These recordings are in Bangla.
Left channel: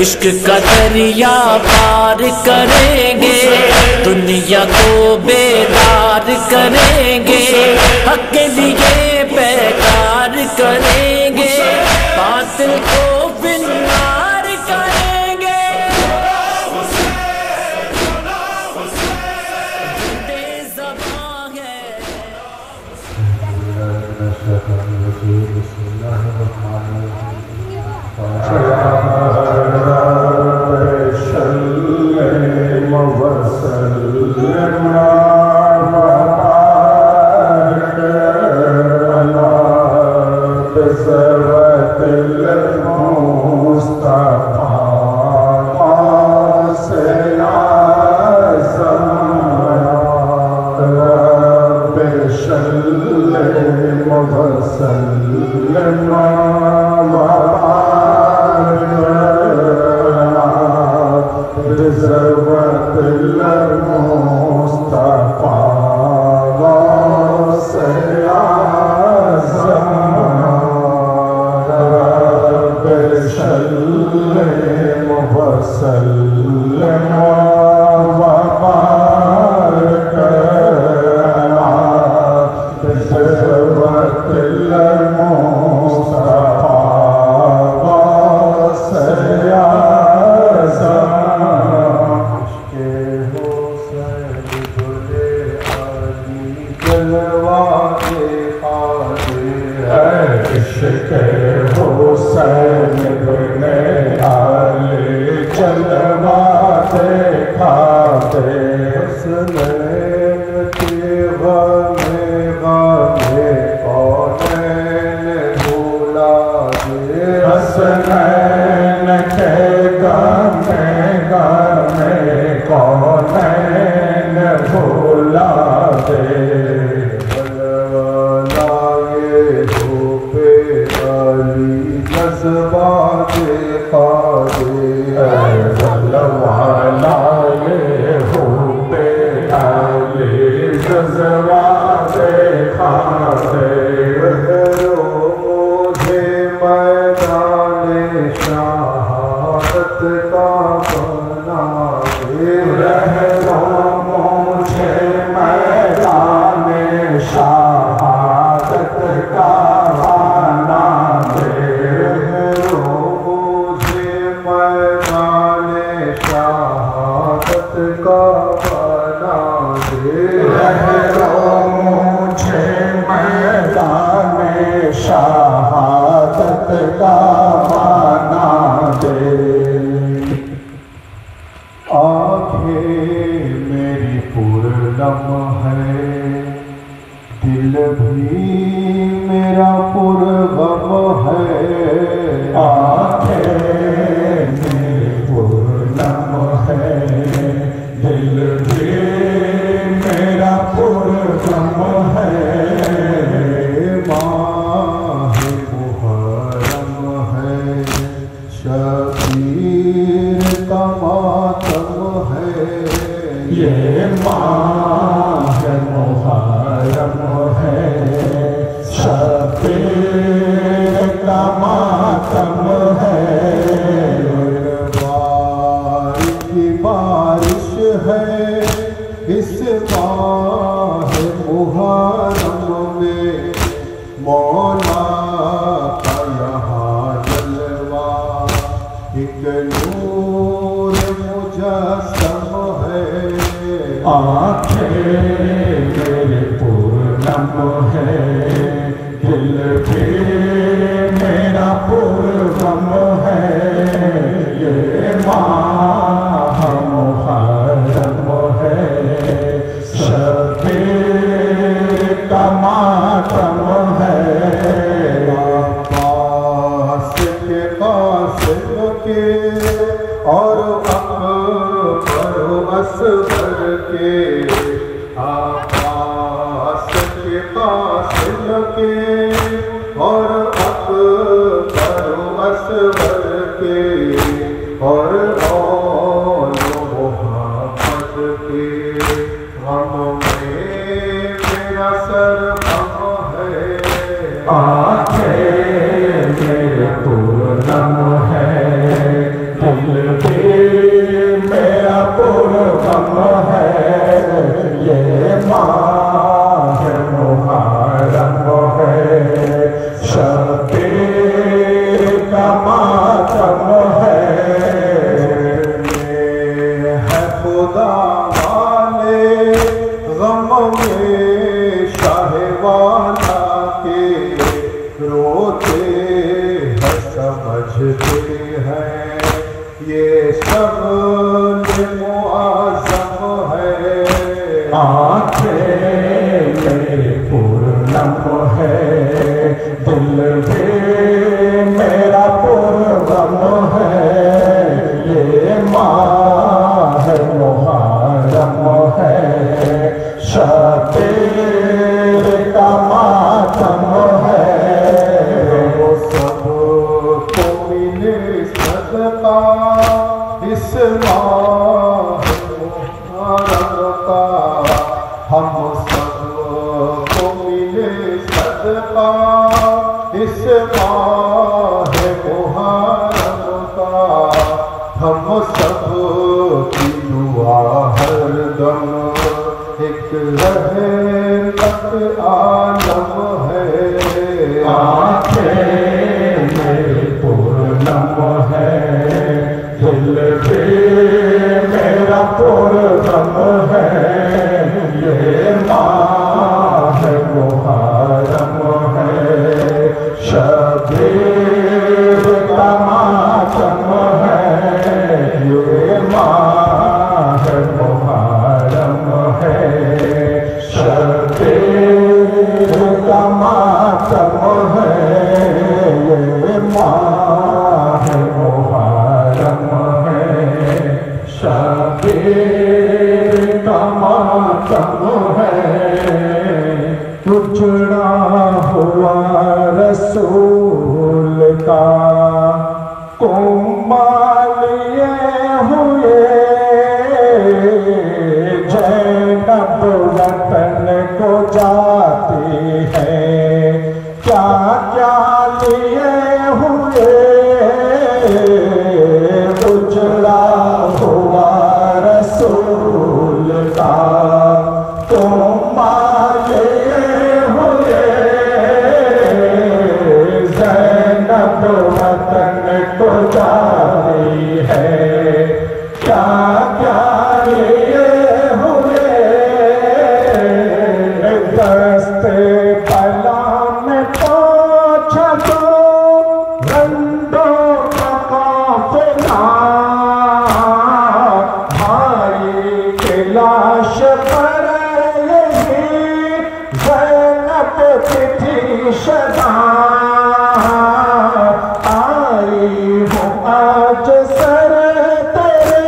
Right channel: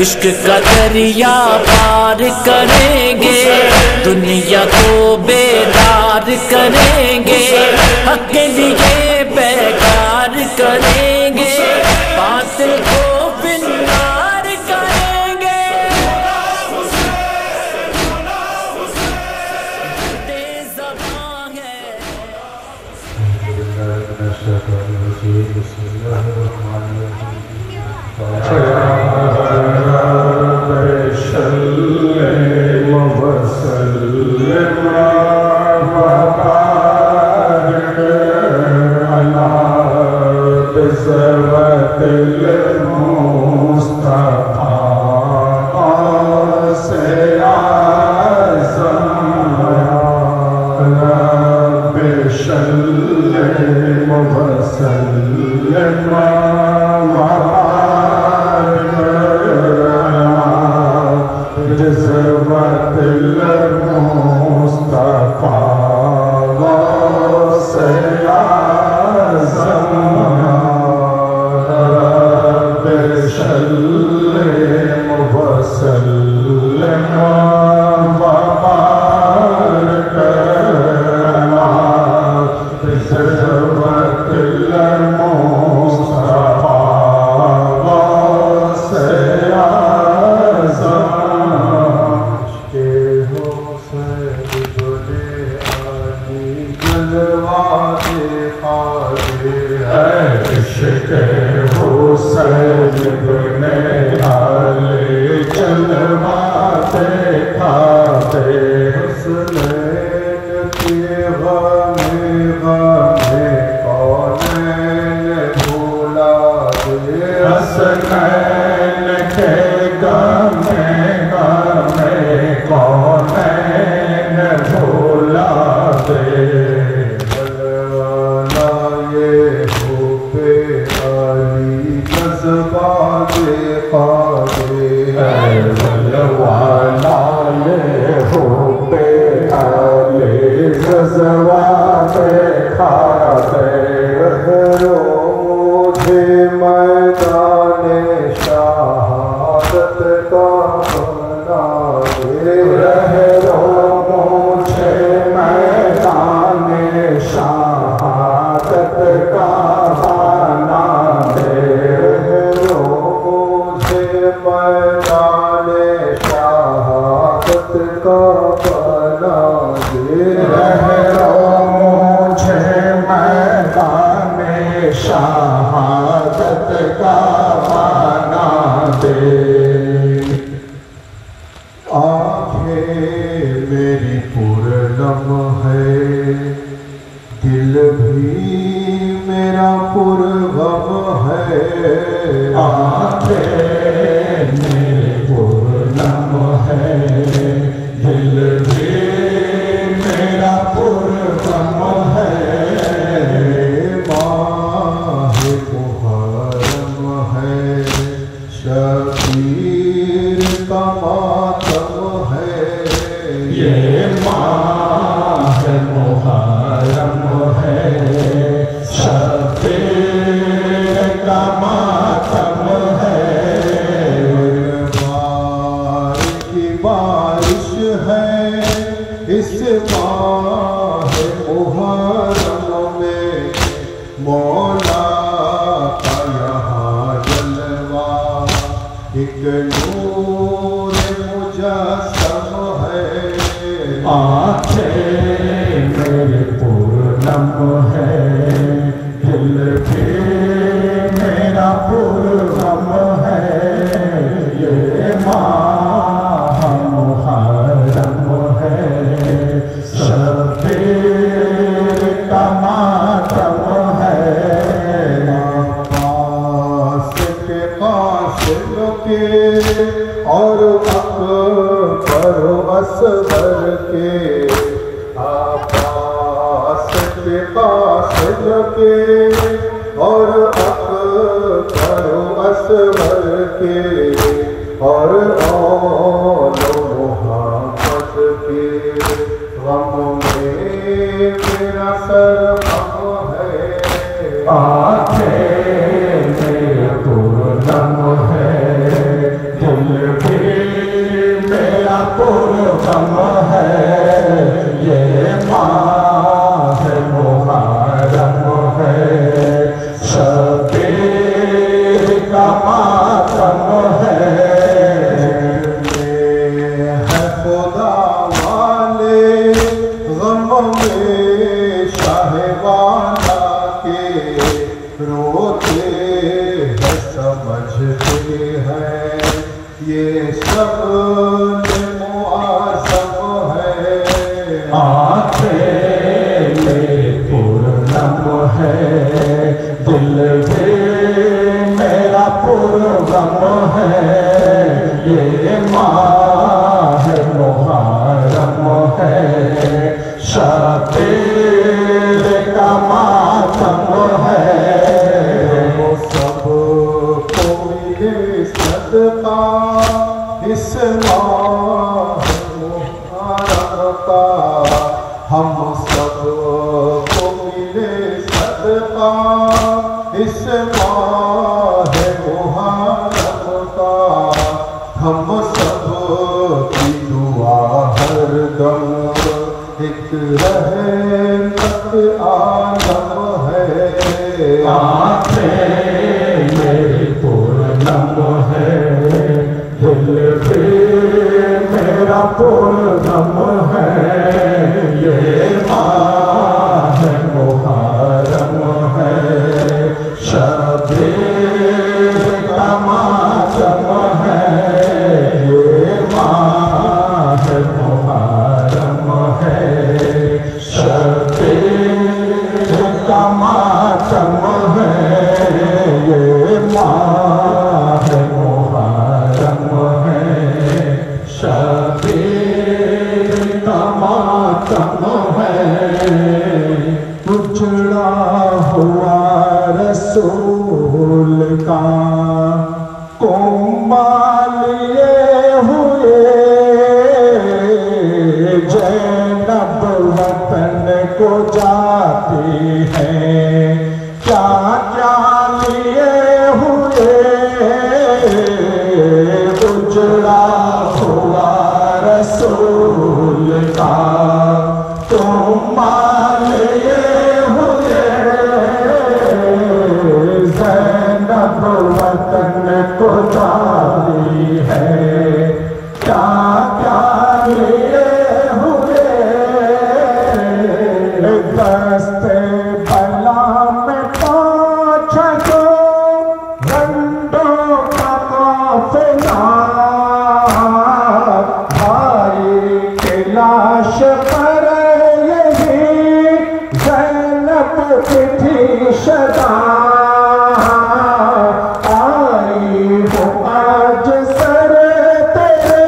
इश्क का दरिया पार करेंगे, दुनिया को बेदार करेंगे, हक के लिए बेकार करेंगे, बातिल को बिनार करेंगे। ज़बान है मेरा पूर्णम है। कासिम के और अकबर असगर के, आकाश के कासिम के और अकबर असगर के, और मोहब्बत के गम में मेरा सरगम है। आंखें मेरे पूरनम है, दिल भी मेरा पूरनम है, ये माह मुहर्रम है, शबे का मातम है खुदा वाले गम में शाहवाना के, रोते हैं समझते हैं ये सब मुआज़म है। आँखें मेरे पूरनम है, दिल भी मेरा पूरनम है, ये माह मुहर्रम है, शबे का मातम है। हम सबको मिले सदका इस माह मुहर्रम का, हम सबको मिले सदका इस माह मुहर्रम का, हम सब की दुआ हरदम एक रहमत आलम है। आँखें मेरी पूरनम है, दिल भी मेरा पूरनम है, ये माह मुहर्रम है, शबीर का मातम है, ये माह मुहर्रम है, शबीर का मातम है, ये माह मुहर्रम है, शबीर का मातम है। उजड़ा हुआ रसूल का कुम्बाल लिए हुए, ज़ैनब वतन को जाती है, क्या क्या लिए हुए। उजड़ा हुआ रसूल का कुम्बाल लिए हुए, ज़ैनब वतन को जाती है, क्या क्या लिए हुए। दस्ते बला में पहुंचा तो रंडों का काफिला, भाई की लाश पर यही ज़ैनब की थी सदा, आई हो आज सर तेरे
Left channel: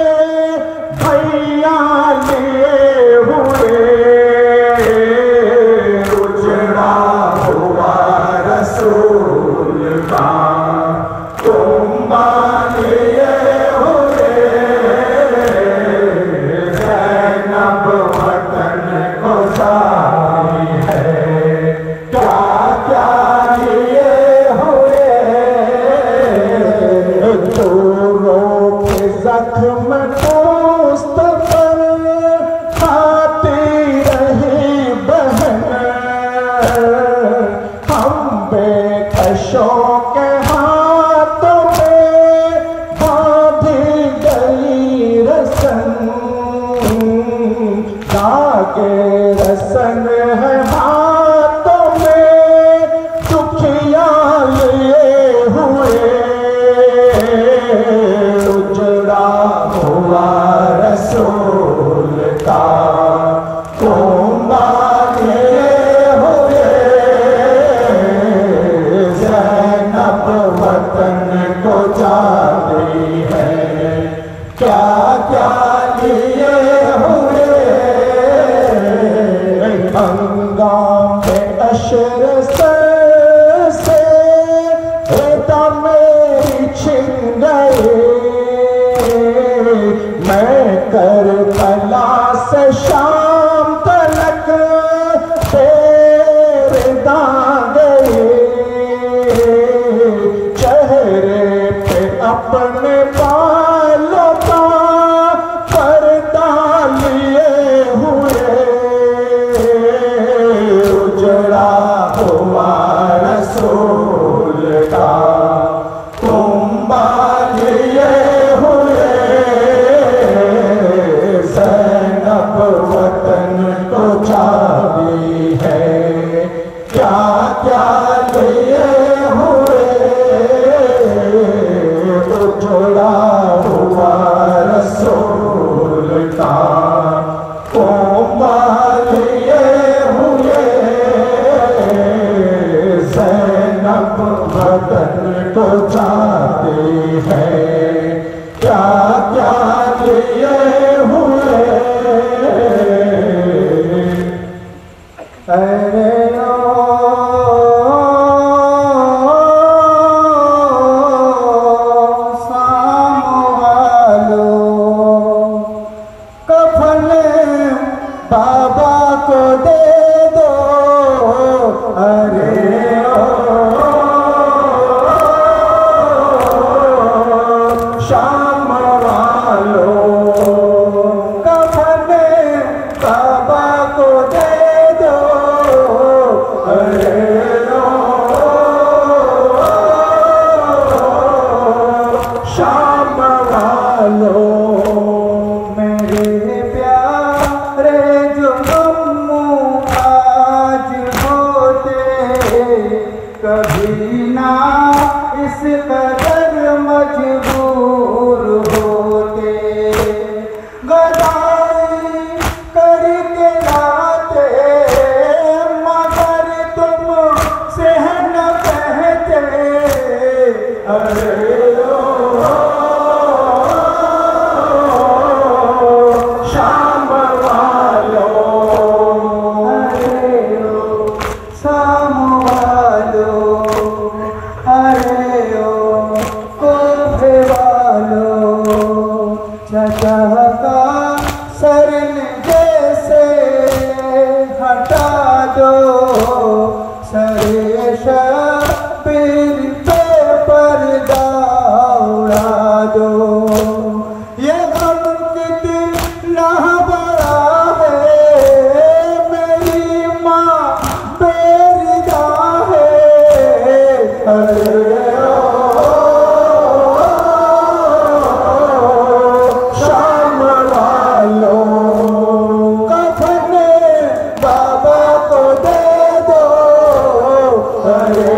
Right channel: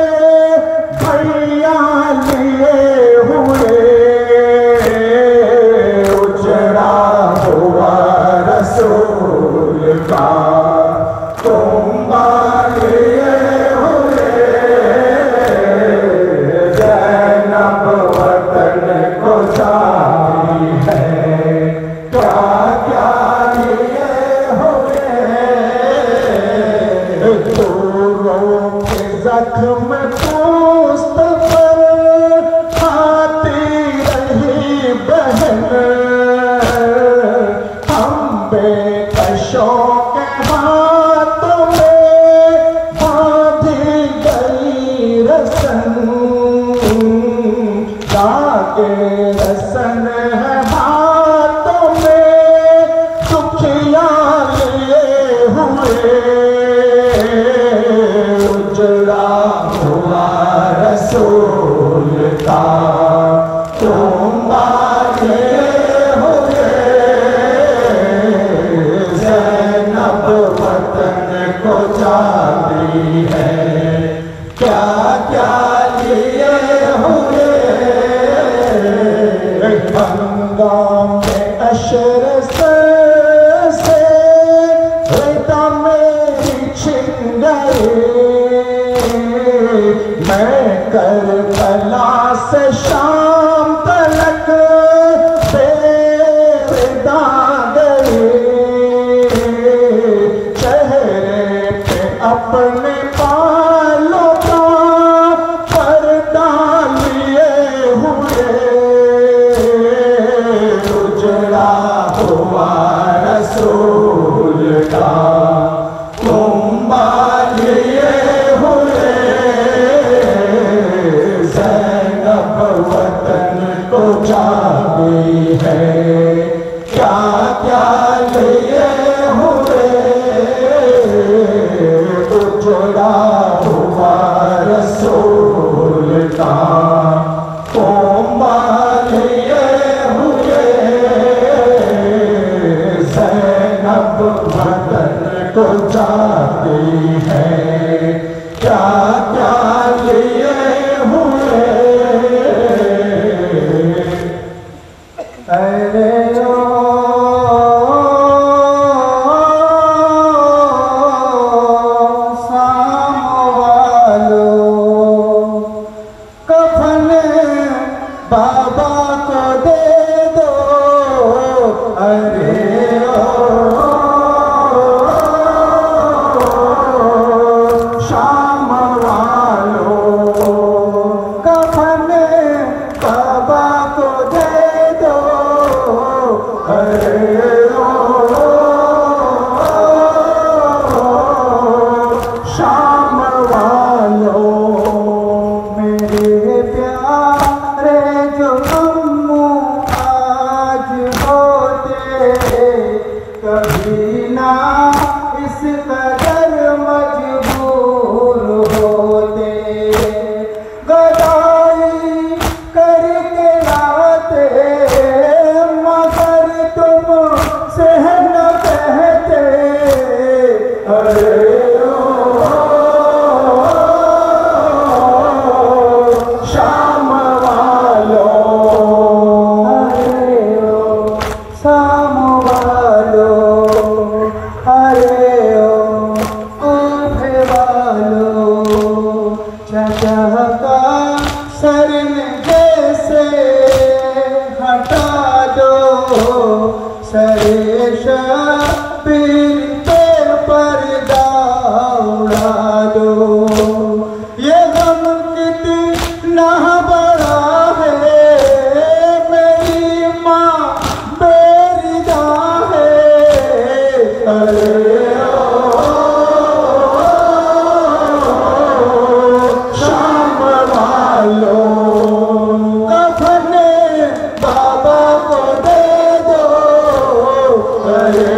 भैया लिए हुए। उजड़ा हुआ रसूल का कुम्बाल लिए हुए, ज़ैनब वतन को जाती है, क्या क्या लिए हुए। दूरों के जख्म पोस्त पर खाती रही बहन, हम बेकशों के हाथों में बांधी गई रसन, जाके रसन है हाथों में, दुखिया लिए हुए। उजड़ा हुआ रसूल का कुम्बाल लिए हुए, ज़ैनब वतन को जा शाम वालों मेरे प्यारे जो अम्मू आज होते कभी ना इस कदर मजबूर होते गदाई करके लाते मगर तुम से न कहते अरे शाम वालों अरे ओ शाम वालों अरे ओ कोफे वालों चचा का सरन जैसे हटा दो सरे शबीर पे पर्दा उड़ा दो ये गम कितना बड़ा है मेरी माँ बेरिदा है अरे शाम वालों कफन बाबा को दे दो अरे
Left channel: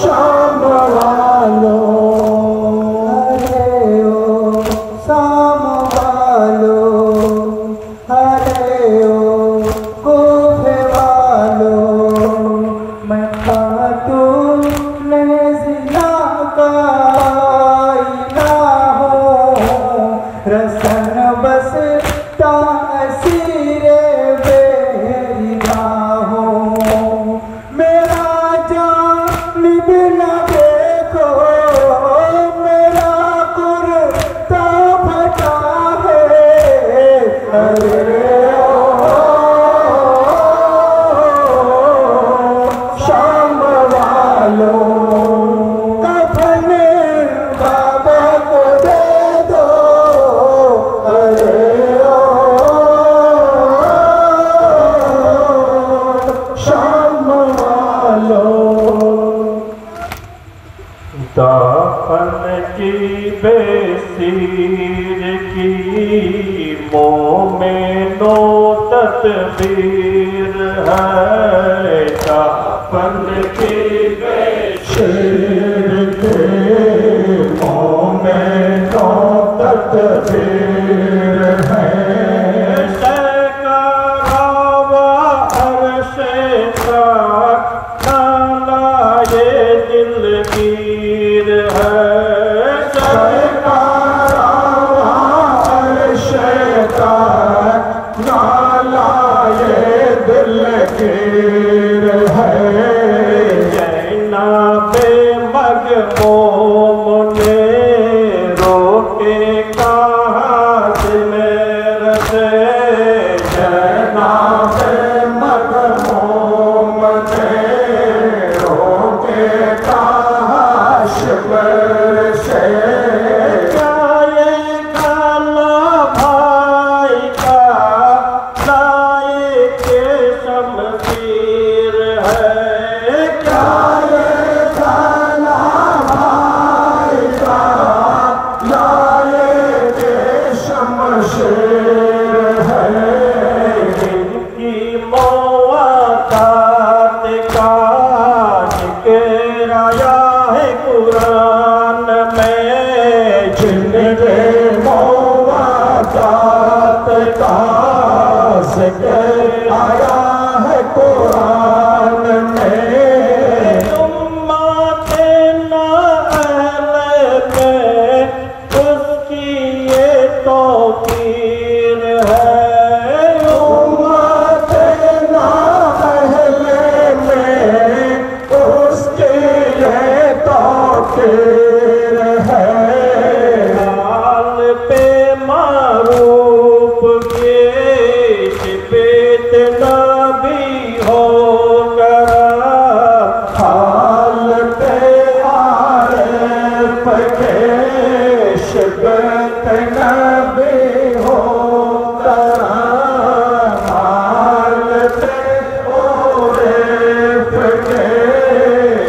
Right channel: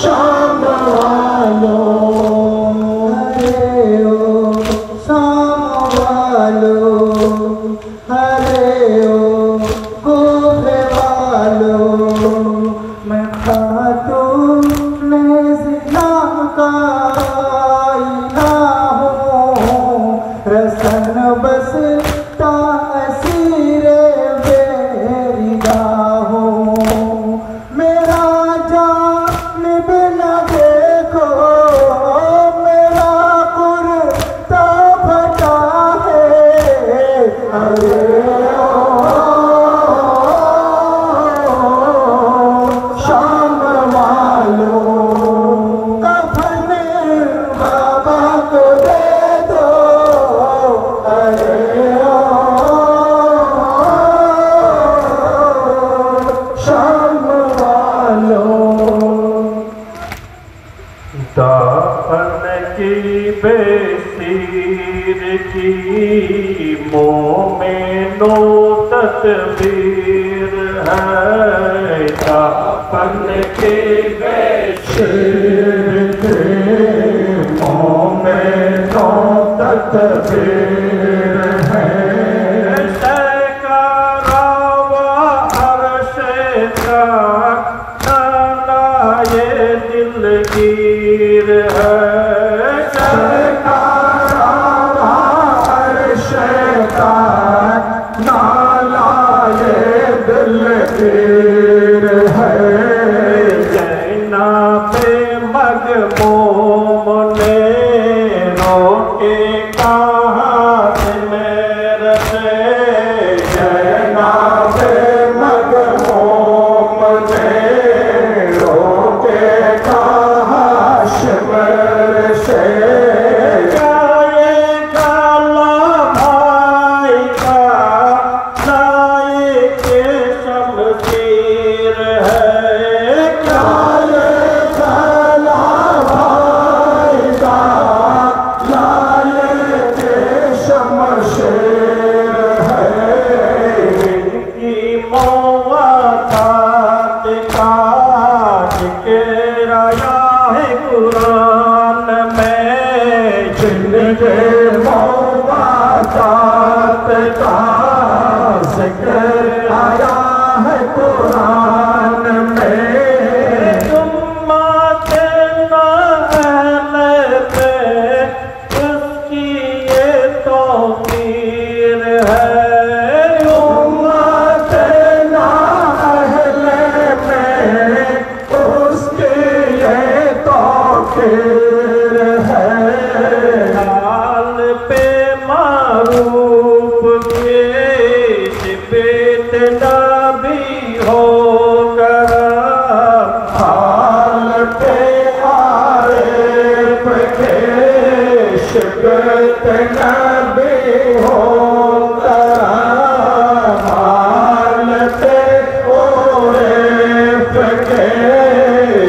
शाम वालों अरे ओ शाम वालों अरे ओ कोफे वालों मैं खातून ज़िना का आईना हूँ रसन बस तासीरे बेरिदा हूँ मेरा जानिब न देखो मेरा कुर्ता फटा है अरे शाम वालों कफन बाबा को दे दो अरे शाम वालों दाफन की बेसीर की मोमेनो तस्वीर है दाफन की बेसीर की मोमेनो तस्वीर है शैकारावा अरशे का नाला ये दिलगीर है नाला ये दिलगीर है जैना पे मगमूम ने रोके कहाँ से मेरे से जैना पे मगमूम ने रोके कहाँ शिमर से गाये काला भाई का साए के शमशीर है क्या ये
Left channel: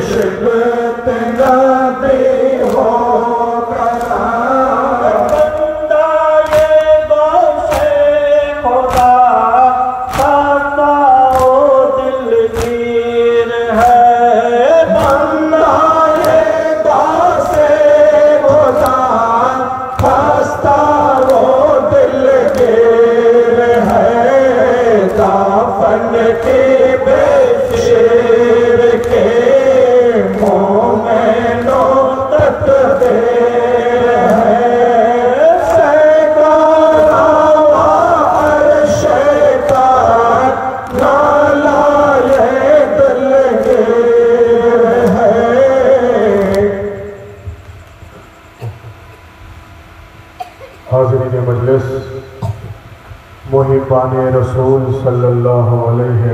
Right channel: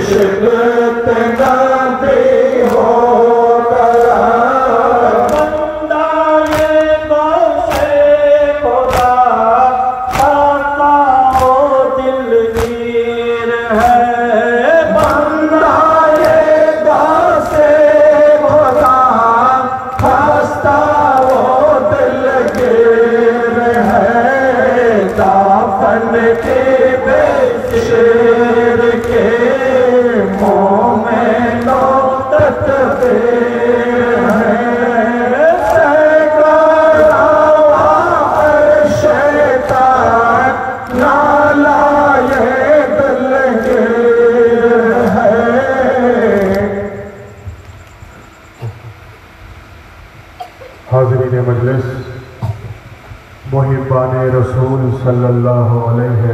शिबत नदी हो गया बंदा ये दोषे खुदा दाता ओ दिलगीर है बंदा ये दासे खुदा खस्ता वो दिलगीर है काफन के बेशीर के मुँह में नौकत देर है सैगारा शैतान नाला ये दिलगीर है हाज़रीन मजलिस मुहिब्बाने रसूल सल्लल्लाहु अलैहि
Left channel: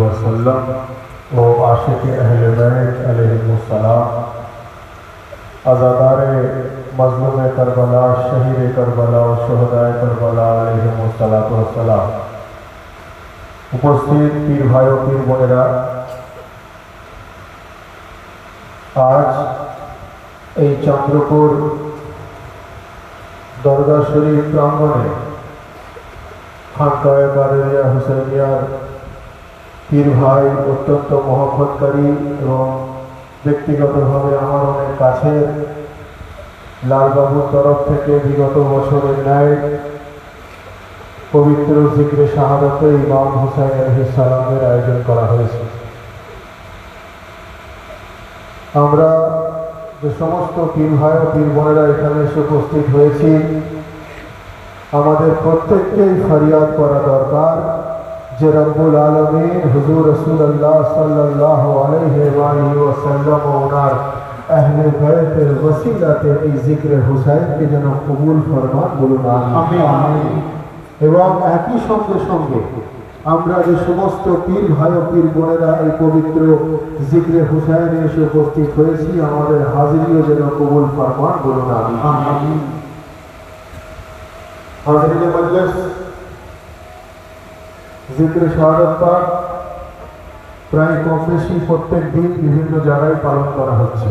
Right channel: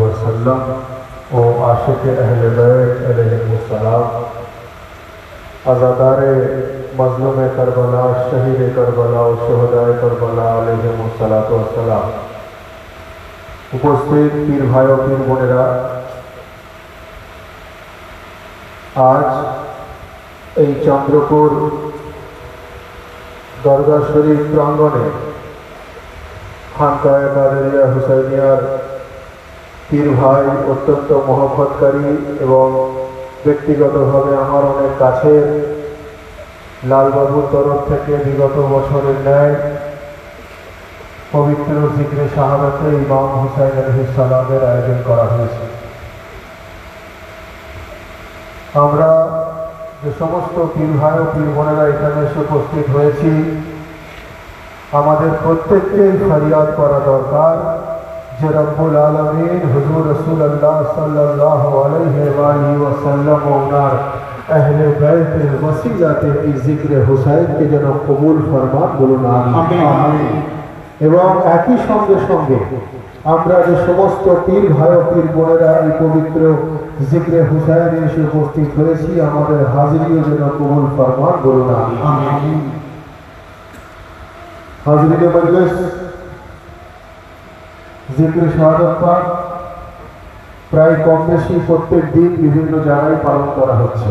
वसल्लम और आशिक अहले बैत अलैहिस्सलाम अज़ादारे मज़लूम करबला शहीद करबला और शुहदाए करबला अलैहिस्सलाम उपस्थित पीर भाइयों पीर बोनेरा आज এই চন্দ্রপুর दरगाह शरीफ प्रांगणे खानकाए कादेरिया हुसैनियार पीर भाई अत्यंत मोहब्बतकारी एवं व्यक्तिगतभावे आमार अनेक काछेर लालबाबुर तरफ थेके विगत बछरेर न्याय पवित्र जिक्रे शाहादाते इमाम हुसैन अलैहिस सालामेर आयोजन करा हयेছে। আমরা যে সমস্ত পীর ভাই ও পীর বোনেরা এখানে এসে উপস্থিত হয়েছি আমাদের প্রত্যেককেই ফরিয়াদ করা দরকার যে রব্বুল আলামিন হুজুর রাসূলুল্লাহ সাল্লাল্লাহু আলাইহি ওয়াসাল্লাম ও ওনার আহলে বাইতের ওসিলাতে এই জিক্রে হুসাইনকে যেন কবুল ফরমান বলুন আমিন। এবং একই সঙ্গে সঙ্গে আমরা যে সমস্ত পীর ভাই ও পীর বোনেরা এই পবিত্র জিক্রে হুসাইনে এসে উপস্থিত হয়েছি আমাদের হাজিরিও যেন কবুল ফরমান বলুন আমিন। হাজিরিনে মজলিস জিক্রে শাহাদাত পাক প্রায় কম বেশি প্রত্যেক দিন বিভিন্ন জায়গায় পালন করা হচ্ছে।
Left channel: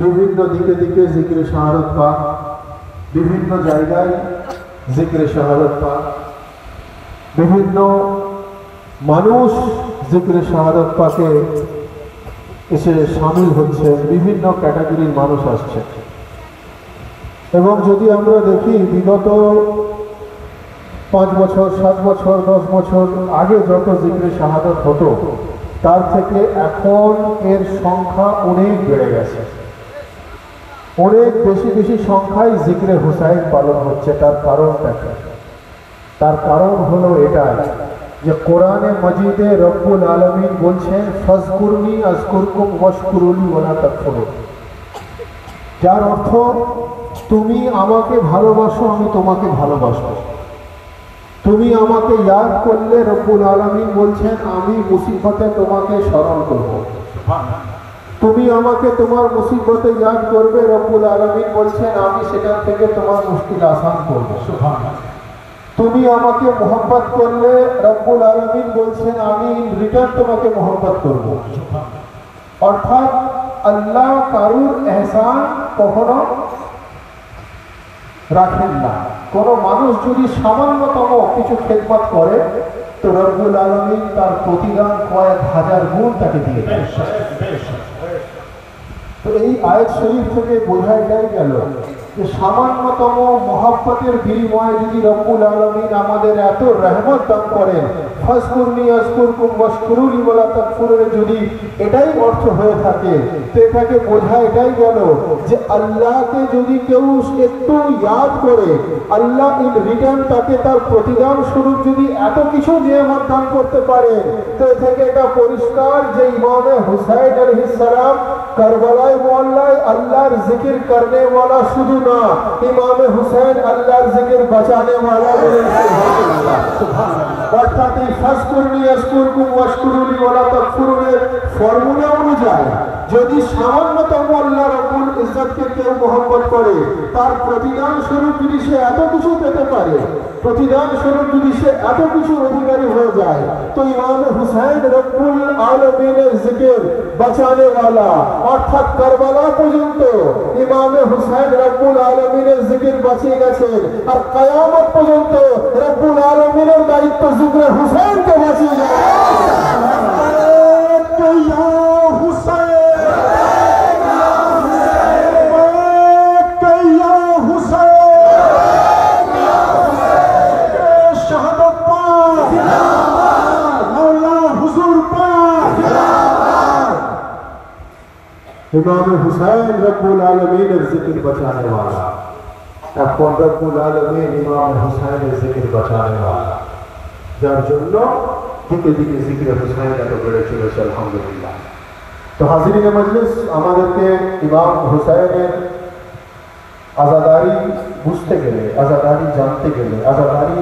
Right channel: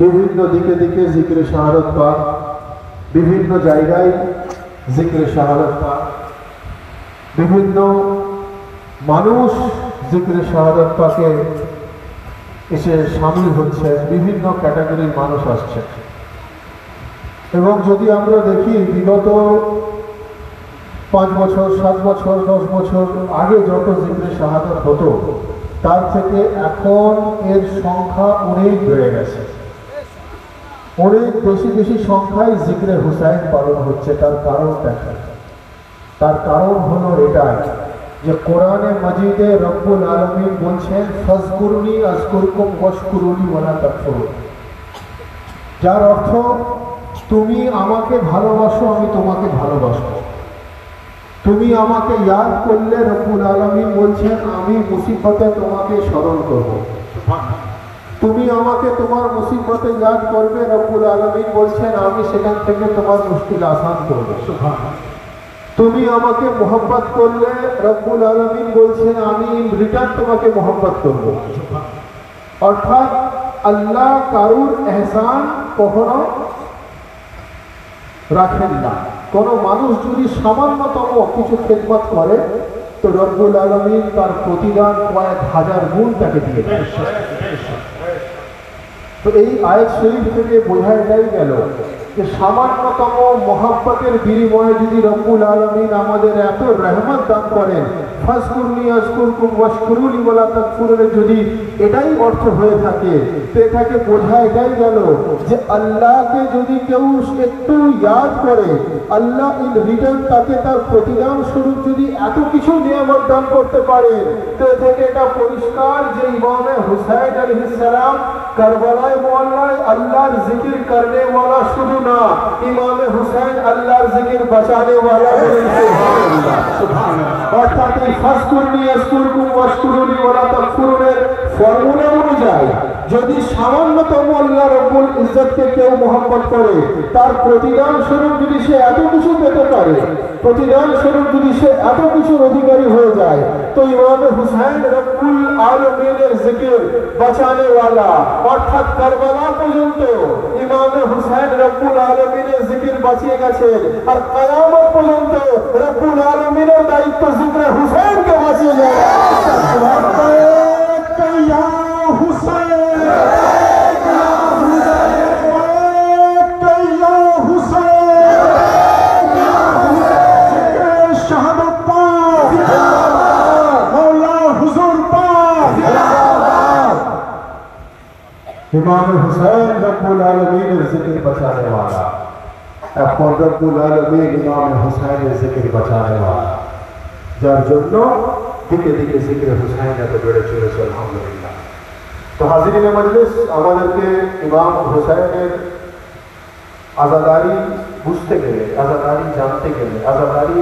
বিভিন্ন দিকে দিকে জিক্রে শাহাদাত পাক বিভিন্ন জায়গায় জিক্রে শাহাদাত পাক বিভিন্ন মানুষ জিক্রে শাহাদাত পাকে এসে শামিল হচ্ছে বিভিন্ন ক্যাটাগরির মানুষ আসছে এবং যদি আমরা দেখি বিগত 5 বছর 7 বছর 10 বছর আগে যত জিক্রে শাহাদাত হতো তার থেকে এখন এর সংখ্যা অনেক বেড়ে গেছে। অনেক বেশি বেশি সংখ্যায় জিক্রে হুসাইন পালন হচ্ছে। তার কারণ দেখেন, তার কারণ হলো এটা যে কোরআনে মজিদে রব্বুল আলামিন বলছেন ফাজকুরনি আযকুরকুম ওয়াশকুরুলি ওয়ালা তাকফুরুন, যার অর্থ তুমি আমাকে ভালোবাসো আমি তোমাকে ভালোবাসবো। তুমি আমাকে ইয়াদ করলে রব্বুল আলামিন বলছেন আমি মুসিবতে তোমাকে স্মরণ করব। তুমি আমাকে তোমার মুসিবতে ইয়াদ করবে, রব্বুল আলামিন বলছেন আমি সেখান থেকে তোমার মুশকিল আসান করব। সুবহানাল্লাহ। তুমি আমাকে মোহব্বত করলে রব্বুল আলামিন বলছেন আমি রিটার্ন তোমাকে মোহব্বত করব। অর্থাৎ আল্লাহ কারুর এহসান কখনো রাখেন না। কোনো মানুষ যদি সামান্যতম কিছু খেদমত করে তো রব্বুল আলামিন তার প্রতিদান কয়েক হাজার গুণ তাকে দিয়ে দেয়। তো এই আয়াত শরীফ থেকে বোঝা গেল যে সামান্যতম মহব্বতের বিনিময়ে যদি রব্বুল আলামিন আমাদের এত রহমত দান করেন, ফাজকুরনি আযকুরকুম ওয়াশকুরুলি ওয়ালা তাকফুরুন, যদি এটাই অর্থ হয়ে থাকে তো এটাকে বোঝা এটাই গেল যে আল্লাহকে যদি কেউ একটু ইয়াদ করে আল্লাহ ইন রিটার্ন তাকে তার প্রতিদান স্বরূপ যদি এত কিছু নিয়ামত দান করতে পারে তো এ থেকে এটা পরিষ্কার যে ইমামে হুসাইন আলাইহিস সালাম কারবালায় মোহল্লায় আল্লাহর জিকির করনে वाला শুধু না, ইমামে হুসাইন আল্লাহর জিকির বাঁচানে वाला বলেন সুবহানাল্লাহ। সুবহানাল্লাহ। অর্থাৎ এই ফাজকুরনি আযকুরকুম ওয়াশকুরুলি ওয়ালা তাকফুরুনের ফর্মুলা যায়। যদি সামান্যতম আল্লাহ রব্বুল ইজ্জতকে কেউ মহব্বত করে, তার প্রতিদান স্বরূপ যদি সে এত কিছু পেতে পারে, প্রতিদান স্বরূপ যদি সে এত কিছু অধিকারী হয়ে যায়, তো ইমাম হুসাইন রব্বুল আলমিনের জিকির বাঁচানে ওয়ালা, অর্থাৎ কারবালা পর্যন্ত ইমাম হুসাইন রব্বুল আলমিনের জিকির বাঁচিয়ে গেছে। আর কিয়ামত পর্যন্ত রব্বুল আলমিনের দায়িত্ব জিকির হুসাইনকে বাঁচিয়ে যায়। इमाम हुसैन रब्बुल आलमीन जिक्र बचाने वाला, এখন রব্বুল আলামিন ইমাম হুসাইনের জিকির বাঁচানে वाला, যার জন্য দিকে দিকে জিকির হুসাইন এত বেড়ে চলেছে আলহামদুলিল্লাহ। তো হাজিরিনে মজলিস, আমাদেরকে ইমাম হুসাইনের আজাদারি বুঝতে গেলে, আজাদারি জানতে গেলে, আজাদারি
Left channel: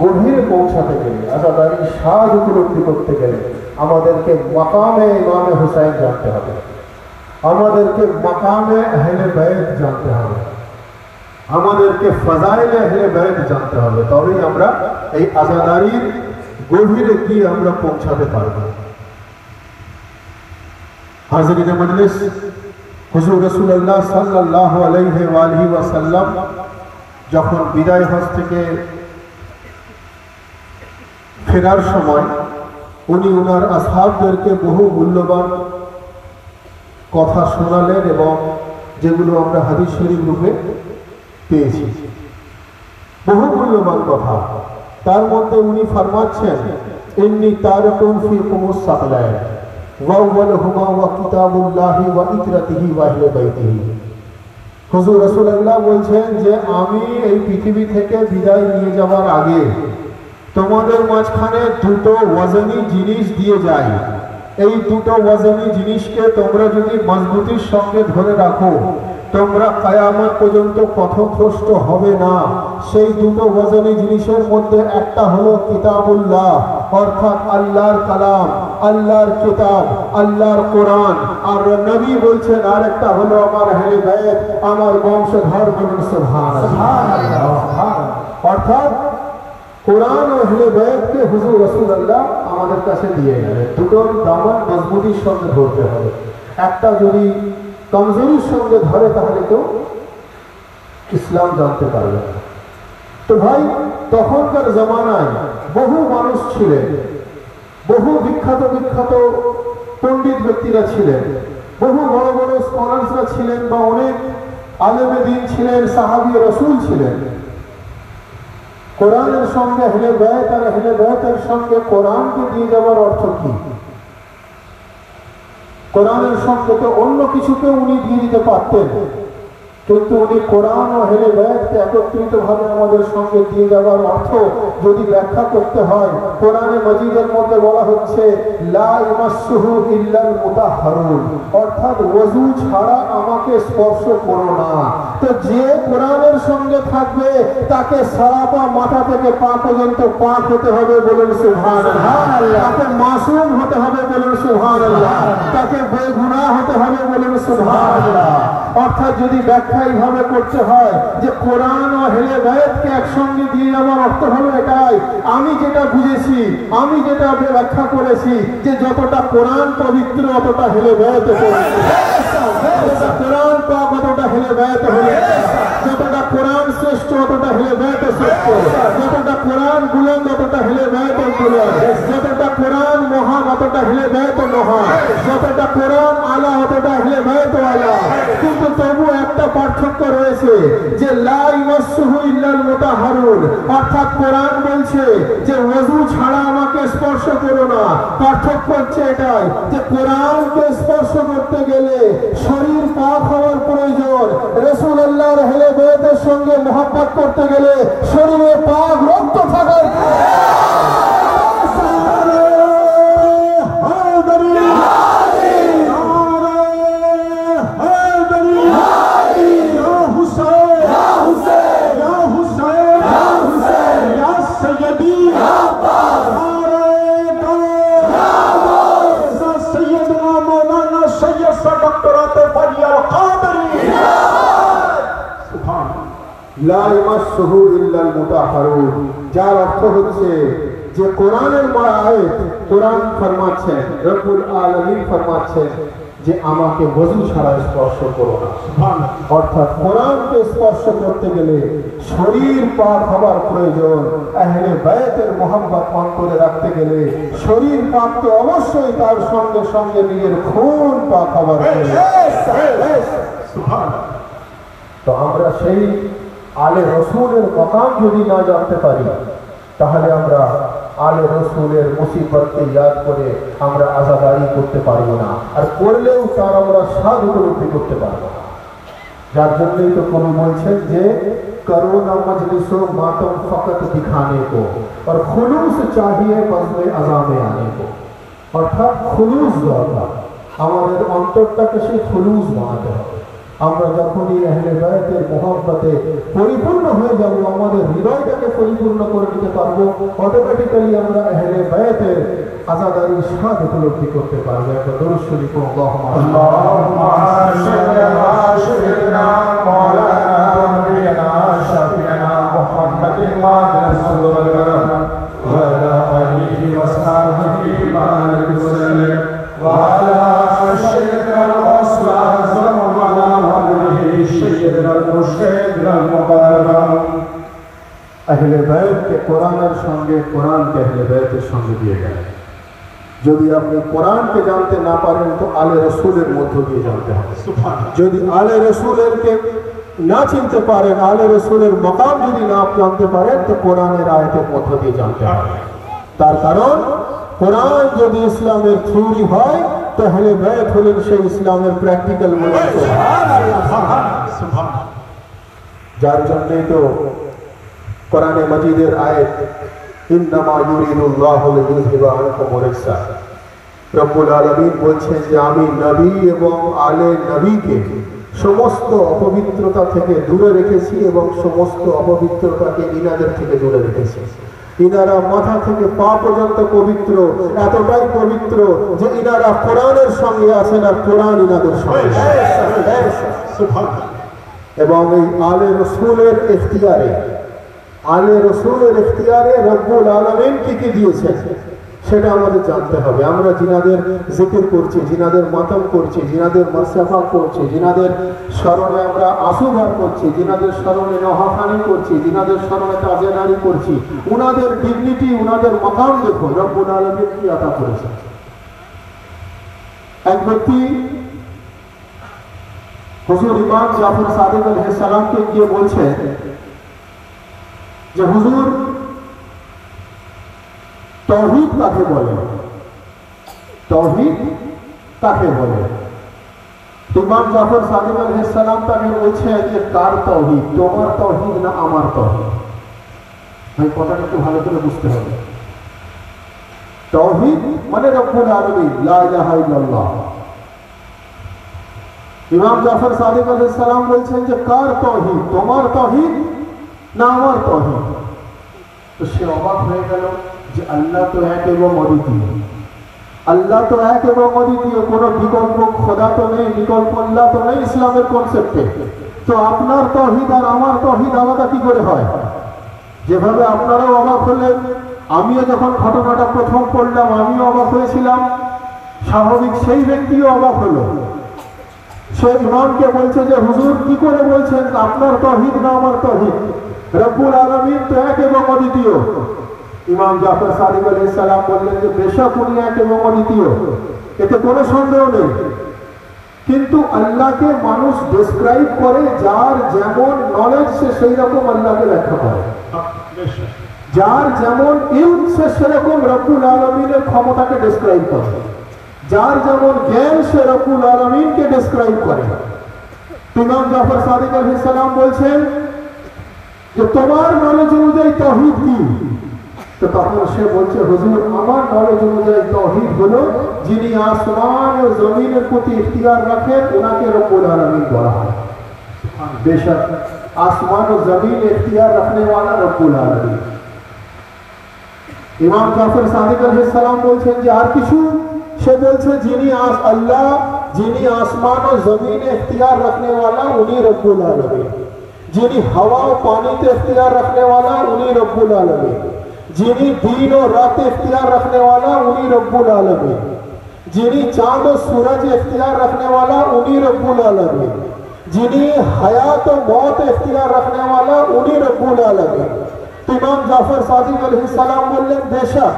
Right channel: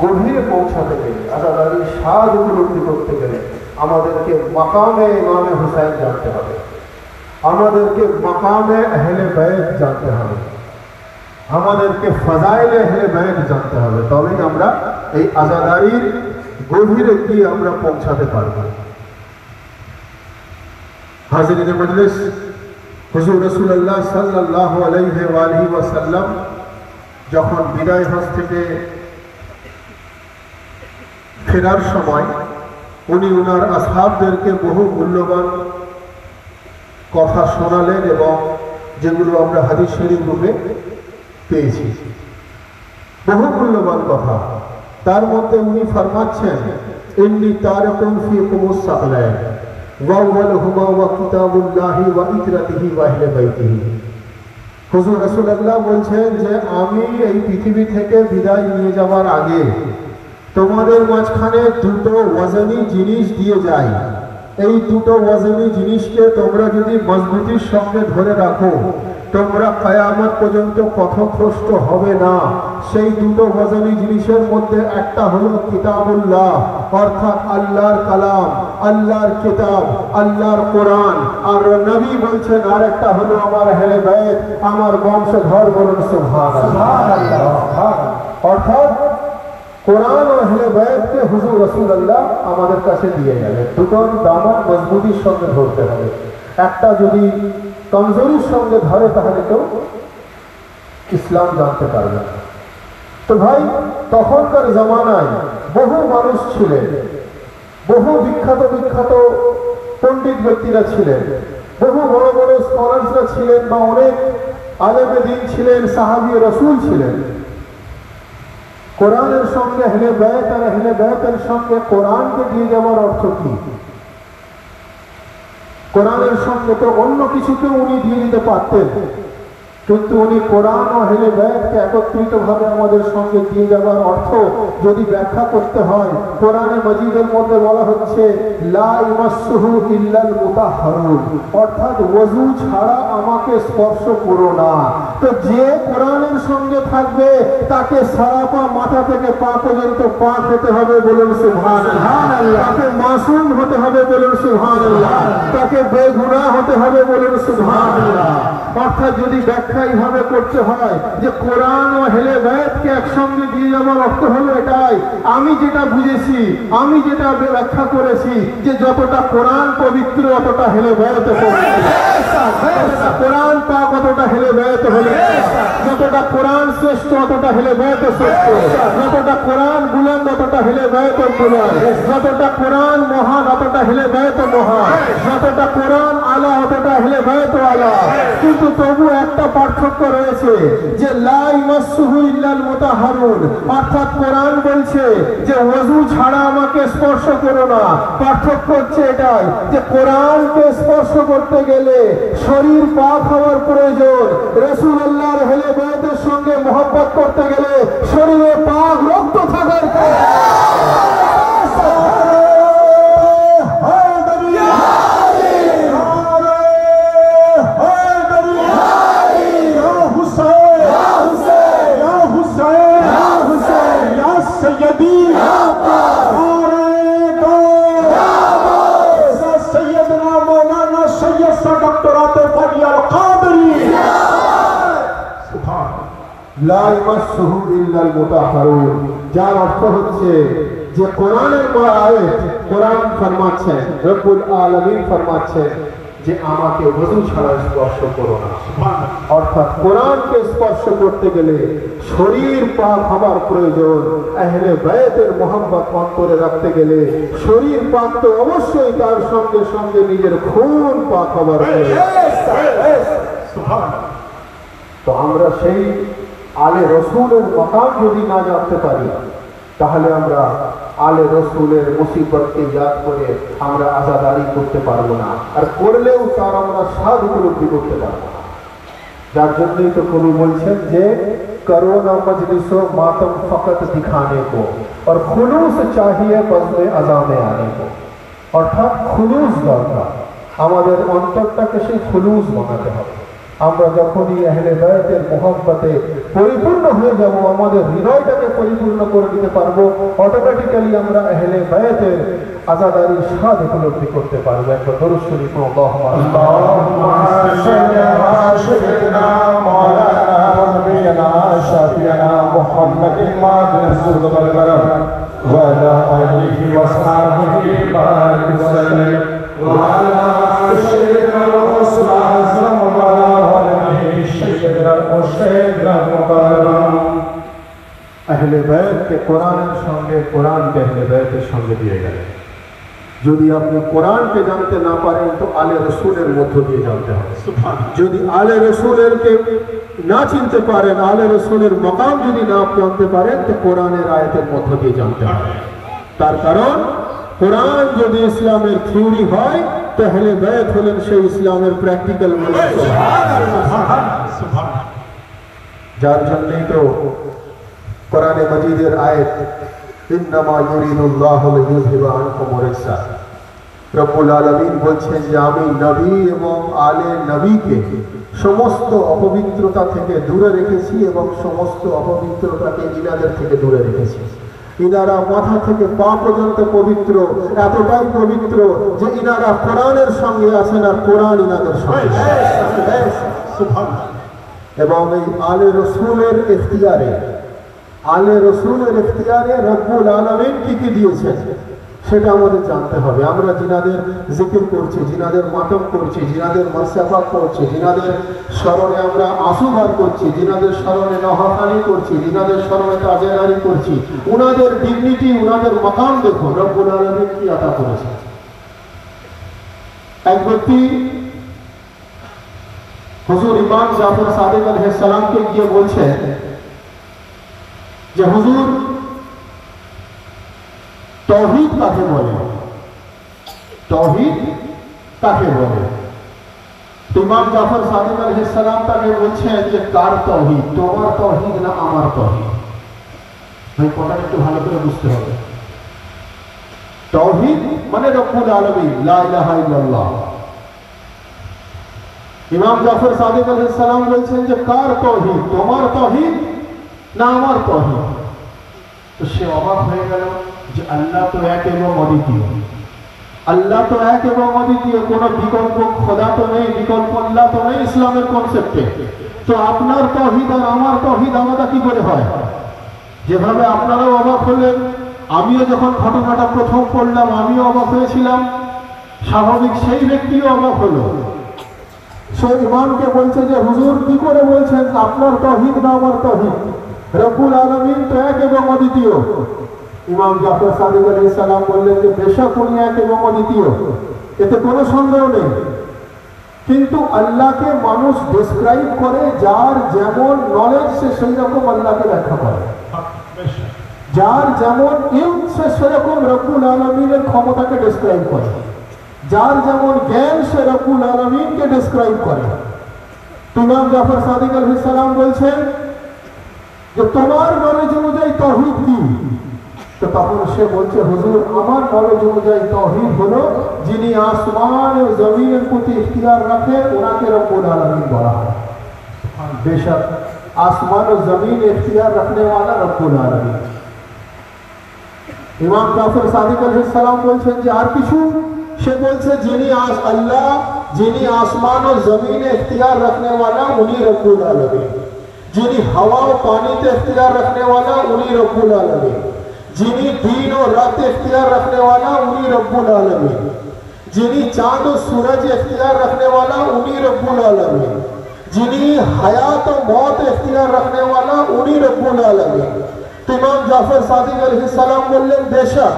গভীরে পৌঁছাতে গেলে, আজাদারি স্বাদ উপলব্ধি করতে গেলে আমাদেরকে মাকামে ইমামে হুসাইন জানতে হবে, আমাদেরকে মাকামে আহলে বাইত জানতে হবে, আমাদেরকে ফাজাইলে আহলে বাইত জানতে হবে। তবেই আমরা এই আজাদারির গভীরে কি আমরা পৌঁছাতে পারব। হাজিরিনে মজলিস, হুজুর রাসূলুল্লাহ সাল্লাল্লাহু আলাইহি ওয়া আলিহি ওয়াসাল্লাম যখন বিদায় হজ থেকে ফেরার সময় উনি ওনার আসহাবদেরকে বহু মূল্যবান কথা শোনালেন, এবং যেগুলো আমরা হাদিস শরীফ রূপে পেয়েছি, বহু মূল্যবান কথা। তার মধ্যে উনি ফরমাচ্ছেন, ইন্নী তারিকুন ফীকুমুস সাকলাইন ওয়া আউয়ালুহুমা ওয়া কিতাবুল্লাহি ওয়া ইতরাতিহি ওয়া আহলে বাইতিহি। হুজুর রাসূলুল্লাহ বলছেন যে আমি এই পৃথিবী থেকে বিদায় নিয়ে যাওয়ার আগে তোমাদের মাঝখানে দুটো ওয়াজনী জিনিস দিয়ে যাই। এই দুটো ওয়াজনী জিনিসকে তোমরা যদি মজবুতির সঙ্গে ধরে রাখো, তোমরা কিয়ামত পর্যন্ত পথভ্রষ্ট হবে না। সেই দুটো ওয়াজনী জিনিসের মধ্যে একটা হলো কিতাবুল্লাহ, অর্থাৎ আল্লাহর কালাম, আল্লাহর কিতাব, আল্লাহর কোরআন। আর নবী বলছেন আর একটা হলো আমার আহলে বাইত, আমার বংশধর। বলুন সুবহানাল্লাহ। অর্থাৎ কোরআন ও আহলে বাইতকে হুজুর রাসূলুল্লাহ আমাদের কাছে দিয়ে গেলেন। দুটোর দামন মজবুতির সঙ্গে ধরতে হবে। একটা যদি কমজোরির সঙ্গে ধরে তাহলে কেউ ইসলাম জানতে পারবে না। তো ভাই, তখনকার জামানায় বহু মানুষ ছিলেন, বহু বিখ্যাত বিখ্যাত পণ্ডিত ব্যক্তিরা ছিলেন, বহু বড় বড় স্কলার্সরা ছিলেন, বা অনেক আলেমে দ্বীন ছিলেন, সাহাবী রাসূল ছিলেন। কোরআনের সঙ্গে আহলে বাইত আর আহলে বাইতের সঙ্গে কোরআনকে দিয়ে যাওয়ার অর্থ কি? কোরআনের সঙ্গে তো অন্য কিছুকেও উনি দিয়ে দিতে পারতেন, কিন্তু উনি কোরআন ও আহলে বাইতকে একত্রিতভাবে আমাদের সঙ্গে দিয়ে যাওয়ার অর্থ যদি ব্যাখ্যা করতে হয়, কোরআনে মাজিদের মধ্যে বলা হচ্ছে লা ইয়ামাসসুহু ইল্লাল মুতাহহারুন, অর্থাৎ ওযু ছাড়া আমাকে স্পর্শ করো না। তো যে কোরআনের সঙ্গে থাকবে তাকে সারা পা মাথা থেকে পা পর্যন্ত পাক হতে হবে। বলুন সুবহানাল্লাহ। তাকে মাসুম হতে হবে। বলুন সুবহানাল্লাহ। তাকে বেগুনাহ হতে হবে। বলুন সুবহানাল্লাহ। অর্থাৎ যদি ব্যাখ্যা এইভাবে করতে হয় যে কোরআন ও আহলে বাইতকে একসঙ্গে দিয়ে যাওয়ার অর্থ হলো এটাই, আমি যেটা বুঝেছি, আমি যেটা ব্যাখ্যা করেছি, যে যতটা কোরআন পবিত্র অতটা আহলে বাইত পবিত্র, যতটা কোরআন পাক অতটা আহলে বাইত হলো, যতটা কোরআন শ্রেষ্ঠ অতটা আহলে বাইত শ্রেষ্ঠ, যতটা কোরআন বুলন্দ অতটা আহলে বাইত বুলন্দ, যতটা কোরআন মহান অতটা আহলে বাইত মহান, যতটা কোরআন আলা অতটা আহলে বাইত আলা। কিন্তু তবু একটা পার্থক্য রয়েছে, যে লা ইয়ামাসসুহু ইল্লাল মুতাহহারুন, অর্থাৎ কোরআন বলছে যে ওযু ছাড়া আমাকে স্পর্শ করো না। পার্থক্য হচ্ছে এটাই, যে কোরআনকে স্পর্শ করতে গেলে শরীর পাক হওয়ার প্রয়োজন, রাসূলুল্লাহর আহলে বাইতের সঙ্গে মুহাব্বত করতে গেলে শরীরে পাক রক্ত থাকার सैयद सर डॉक्टर आतिफ फैयल कादरी লা ইয়ামাসসুহু ইল্লাল মুতাহহারুন, যার অর্থ হচ্ছে যে কোরআনের আয়াত, কোরআন ফরমাচ্ছেন, রব্বুল আলামিন ফরমাচ্ছেন যে আমাকে ওযু ছাড়া স্পর্শ করো না। অর্থাৎ কোরআনকে স্পর্শ করতে গেলে শরীর পাক হবার প্রয়োজন। আহলে বায়তের মোহাম্মত অন্তরে রাখতে গেলে শরীর পাক তো অবশ্যই, তার সঙ্গে সঙ্গে নিজের খুন পাক হবার প্রয়োজন। তো আমরা সেই আলে রসুলের মকাম যদি না জানতে পারি, তাহলে আমরা আলে রসুলের মুসিবতকে ইয়াদ করে আমরা আজাদারি করতে পারবো না, আর করলেও তার আমরা স্বাদ উপলব্ধি করতে পারবো না। যার জন্যই তো কবি বলছেন যে করোনা মজলিসো মাতম ফকত দিখানে কো আর খুলুস চাহিয়ে বজনে আজানে আনে কো। অর্থাৎ খুলুস দরকার, আমাদের অন্তরটাকে সেই খুলুস বানাতে হবে। আমরা যখনই আহলে বায়তের মোহাব্বতে পরিপূর্ণ হয়ে যাব, আমাদের হৃদয়টাকে পরিপূর্ণ করে দিতে পারবো, অটোমেটিক্যালি আমরা আহলে বায়তের আজাদারির স্বাদ উপলব্ধি করতে পারবো। একটা দরুদ শরীফ আল্লাহুম্মা আহলে বায়তকে কোরআনের সঙ্গে, কোরআনকে আহলে বায়তের সঙ্গে দিয়ে গেলেন। যদি আপনি কোরআনকে জানতে না পারেন তো আলে রসুলের মধ্য দিয়ে জানতে হবে। যদি আলে রসুলেরকে না চিনতে পারেন, আলে রসুলের মকাম যদি না জানতে পারেন তো কোরআনের আয়াতের মধ্য দিয়ে জানতে হবে। তার কারণ কোরআন যদি ইসলামের থিওরি হয় তো আহলে বায়ত হলেন সেই ইসলামের প্র্যাকটিক্যাল। যার জন্যই তো কোরআনে মাজিদের আয়াত ইন্নামা ইউরিদুল্লাহু লিইউযহিবা আনকুম রিজসা, রব্বুল আলামিন বলছেন যে আমি নবী এবং আলে নবীকে সমস্ত অপবিত্রতা থেকে দূরে রেখেছি এবং সমস্ত অপবিত্রতাকে ইনাদের থেকে দূরে রেখেছি। ইনারা মাথা থেকে পা পর্যন্ত পবিত্র, এতটাই পবিত্র যে ইনারা কোরআনের সঙ্গে আছেন আর কোরআন ইনাদের সঙ্গে। এবং এই আলে রসুলের ইখতিয়ারে, আলে রসুলের ইখতিয়ারে রব্বুল আলামিন কি কি দিয়েছেন সেটা আমাদের জানতে হবে। আমরা জিনাদের জিকির করছি, জিনাদের মাতম করছি, জিনাদের মুসাফা করছি, জিনাদের স্মরণে আমরা আঁসু বার করছি, জিনাদের স্মরণে নহাকানি করছি, জিনাদের স্মরণে তাজেদারি করছি, উনাদের ডিগনিটি, উনাদের মাকাম দেখো রব্বুল আলামিন কি আতা করেছে। এক ব্যক্তি হুজুর ইমাম জাফর সাদিক আলাইহিস সালামকে গিয়ে বলছেন যে হুজুর তাওহীদ কাকে বলে, তাওহীদ কাকে বলে? ইমাম জাফর সাদিক আলাইহিস সালাম তাকে বলছেন যে কার তাওহীদ, তোমার তাওহীদ না আমার তাওহীদ? ভাই কথাটা একটু ভালো করে বুঝতে হবে। তাওহীদ মানে রব্বুল আলামিন, লা ইলাহা ইল্লাল্লাহ। ইমাম জাফর সাদিক আলাইহিস সালাম বলছেন যে কার তাওহীদ, তোমার তাওহীদ না আমার তাওহীদ? তো সে অবাক হয়ে গেল যে আল্লাহ তো এক এবং অদ্বিতীয়, আল্লাহ তো এক এবং অদ্বিতীয়, কোন বিকল্প খোদা তো নেই, বিকল্প আল্লাহ তো নেই ইসলামের কনসেপ্টে। তো আপনার তাওহীদ আর আমার তাওহীদ আলাদা কি করে হয়? যেভাবে আপনারাও অবাক হলেন, আমিও যখন ঘটনাটা প্রথম পড়লাম আমিও অবাক হয়েছিলাম, স্বাভাবিক সেই ব্যক্তিও অবাক হলো। সে ইমামকে বলছে যে হুজুর কি করে বলছেন আপনার তাওহীদ না আমার তাওহীদ? রব্বুল আলামিন তো এক এবং অদ্বিতীয়। ইমাম জাফর সাদিক আলাইহিস সালাম বললেন যে বেশক উনি এক এবং অদ্বিতীয়, এতে কোনো সন্দেহ নেই, কিন্তু আল্লাহকে মানুষ ডেসক্রাইব করে যার যেমন নলেজ সে সেই রকম আল্লাহকে ব্যাখ্যা করে, যার যেমন ইলম সে সেরকম রব্বুল আলামিনের ক্ষমতাকে ডেসক্রাইব করে, যার যেমন জ্ঞান সে রব্বুল আলামিনকে ডেসক্রাইব করে। ইমাম জাফর সাদিক আলাইহিস সালাম বলছেন যে তোমার নলেজ অনুযায়ী তাওহীদ কি? তো তখন সে বলছে হুজুর আমার নলেজ অনুযায়ী তাওহীদ হলো যিনি আসমান ও জমিনের প্রতি ইখতিয়ার রাখেন ওনাকে রব্বুল আলামিন বলা হয়। বেশক আসমান ও জমিন ইখতিয়ার रखने वाला রব্বুল আলামিন। ইমাম জাফর সাদিক আলাইহিস সালাম বলছেন যে আর কিছু? সে বলছে যিনি আল্লাহ, যিনি আসমান ও জমিনে इख्तियार रखने वाला उन्हीं रब्बुल आलमीन, যিনি हवा और पानी पे इख्तियार रखने वाला उन्हीं रब्बुल आलमीन, যিনি दिन और रात इख्तियार रखने वाला उन्हीं रब्बुल आलमीन, যিনি चांद और सूरज इख्तियार रखने वाला उन्हीं रब्बुल आलमीन, যিনি हयात और मौत इख्तियार रखने वाला उन्हीं रब्बुल आलमीन। ইমাম জাফর সাদিক আলাইহিস সালাম বললেন বেশক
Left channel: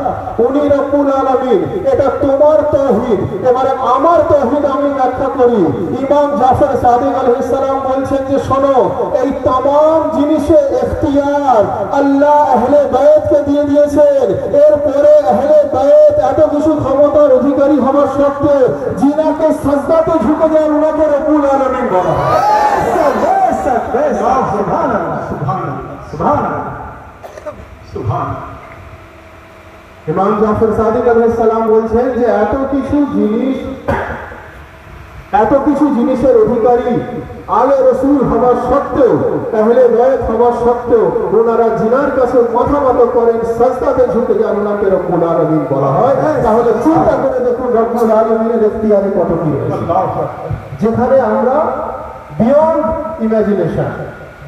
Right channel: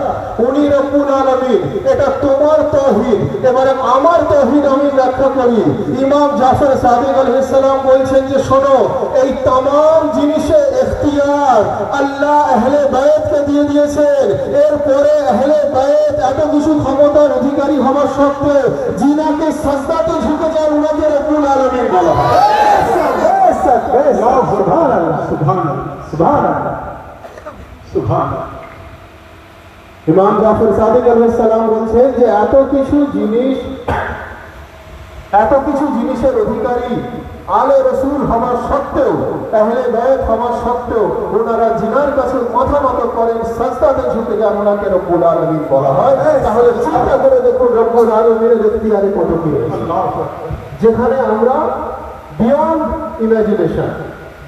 উনি রব্বুল আলামিন, এটা তোমার তাওহীদ, এবারে আমার তাওহীদ আমি ব্যাখ্যা করি। ইমাম জাফর সাদিক আলাইহিস সালাম বলছেন যে শোনো, এই तमाम জিনিসের ইখতিয়ার আল্লাহ আহলে বাইতকে দিয়ে দিয়েছেন। এরপরে আহলে বাইত এত কিছু ক্ষমতার অধিকারী হওয়া সত্ত্বেও জিনাকে সাজদাতে ঝুঁকে যায় উনাকে রব্বুল আলামিন বলা হয়। সুবহানাল্লাহ, সুবহানাল্লাহ, সুবহানাল্লাহ, সুবহানাল্লাহ। ইমাম জাফর সাদিক আলাইহিস সালাম বলছেন যে এত কিছু জিনিসের অধিকারী আলে রাসূল হওয়া সত্ত্বেও, আহলে বাইত হওয়া সত্ত্বেও ওনারা জিনার কাছে মাথা নত করেন, সাজদাতে ঝুঁকে যান, ওনাকে রব্বুল আলামিন বলা হয়। তাহলে চিন্তা করে দেখুন রব্বুল আলামিনের ইখতিয়ারে কত কি রয়েছে, যেখানে আমরা বিয়ন্ড ইমাজিনেশন,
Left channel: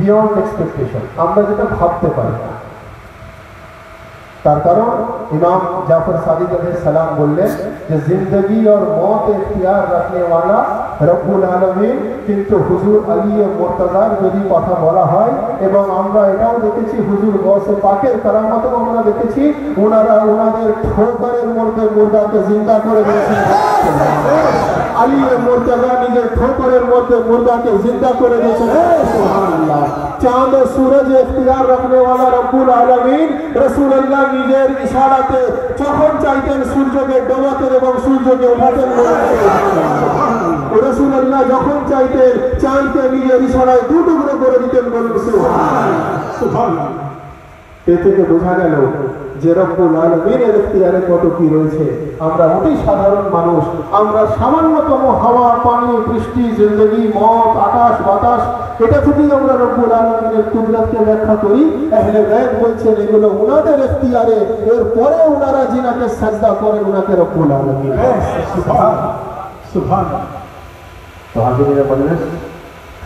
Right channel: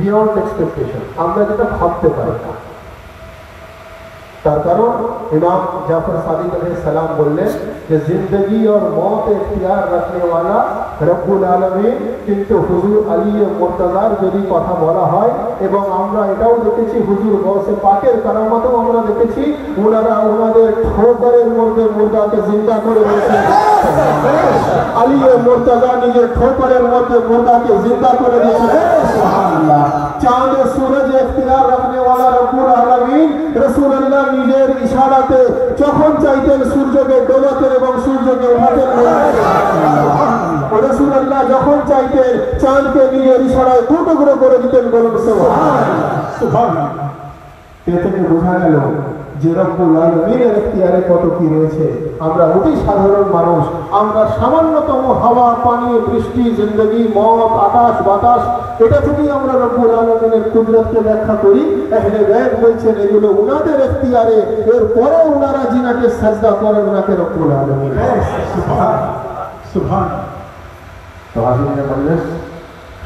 বিয়ন্ড এক্সপেকটেশন, আমরা যেটা ভাবতে পারি না। তার কারণ ইমাম জাফর সাদিক আলাইহিস সালাম বললেন যে জিंदगी और मौत इख्तियार रखने वाला রব্বুল আলামিন। কিন্তু হুজুর আলী মুর্তজার যদি কথা বলা হয়, এবং আমরা এটাও দেখেছি হুজুর গৌসে পাকের কারামতেও আমরা দেখেছি, ওনারা ওনাদের ঠোকরের মধ্যে মুর্দাকে জিন্দা করে দিয়েছেন। আলী মুর্তজা নিজের ঠোকরের মধ্যে মুর্দাকে জিন্দা করে দিয়েছেন। সুবহানাল্লাহ। চাঁদ ও সূরজ ইখতিয়ার রাখনে वाला রব্বুল আলামিন রাসূলুল্লাহ নিজের ইশারাতে যখন চাইতেন সূর্যকে ডোবাতেন এবং সূর্যকে উঠাতেন। রাসূলুল্লাহ যখন চাইতেন চাঁদকে নিজের ইশারায় দু টুকরো করে দিতেন। বলুন সুবহানাল্লাহ, সুবহানাল্লাহ। এ থেকে বোঝা গেল যে রব্বুল আলামিনের ইখতিয়ারে কত কি রয়েছে। আমরা অতি সাধারণ মানুষ, আমরা সামান্যতম হাওয়া, পানি, বৃষ্টি, জিন্দগি, মত, আকাশ বাতাস, এটা থেকেই আমরা রব্বুল আলামিনের কুদরতকে ব্যাখ্যা করি। আহলে বাইত বলছেন এগুলো উনাদের ইখতিয়ারে, এরপরে উনারা জিনাকে সাজদা করেন, উনাকে রব্বুল আলামিন। সুবহানাল্লাহ, সুবহানাল্লাহ। তো হাজিরিনে মজলিস,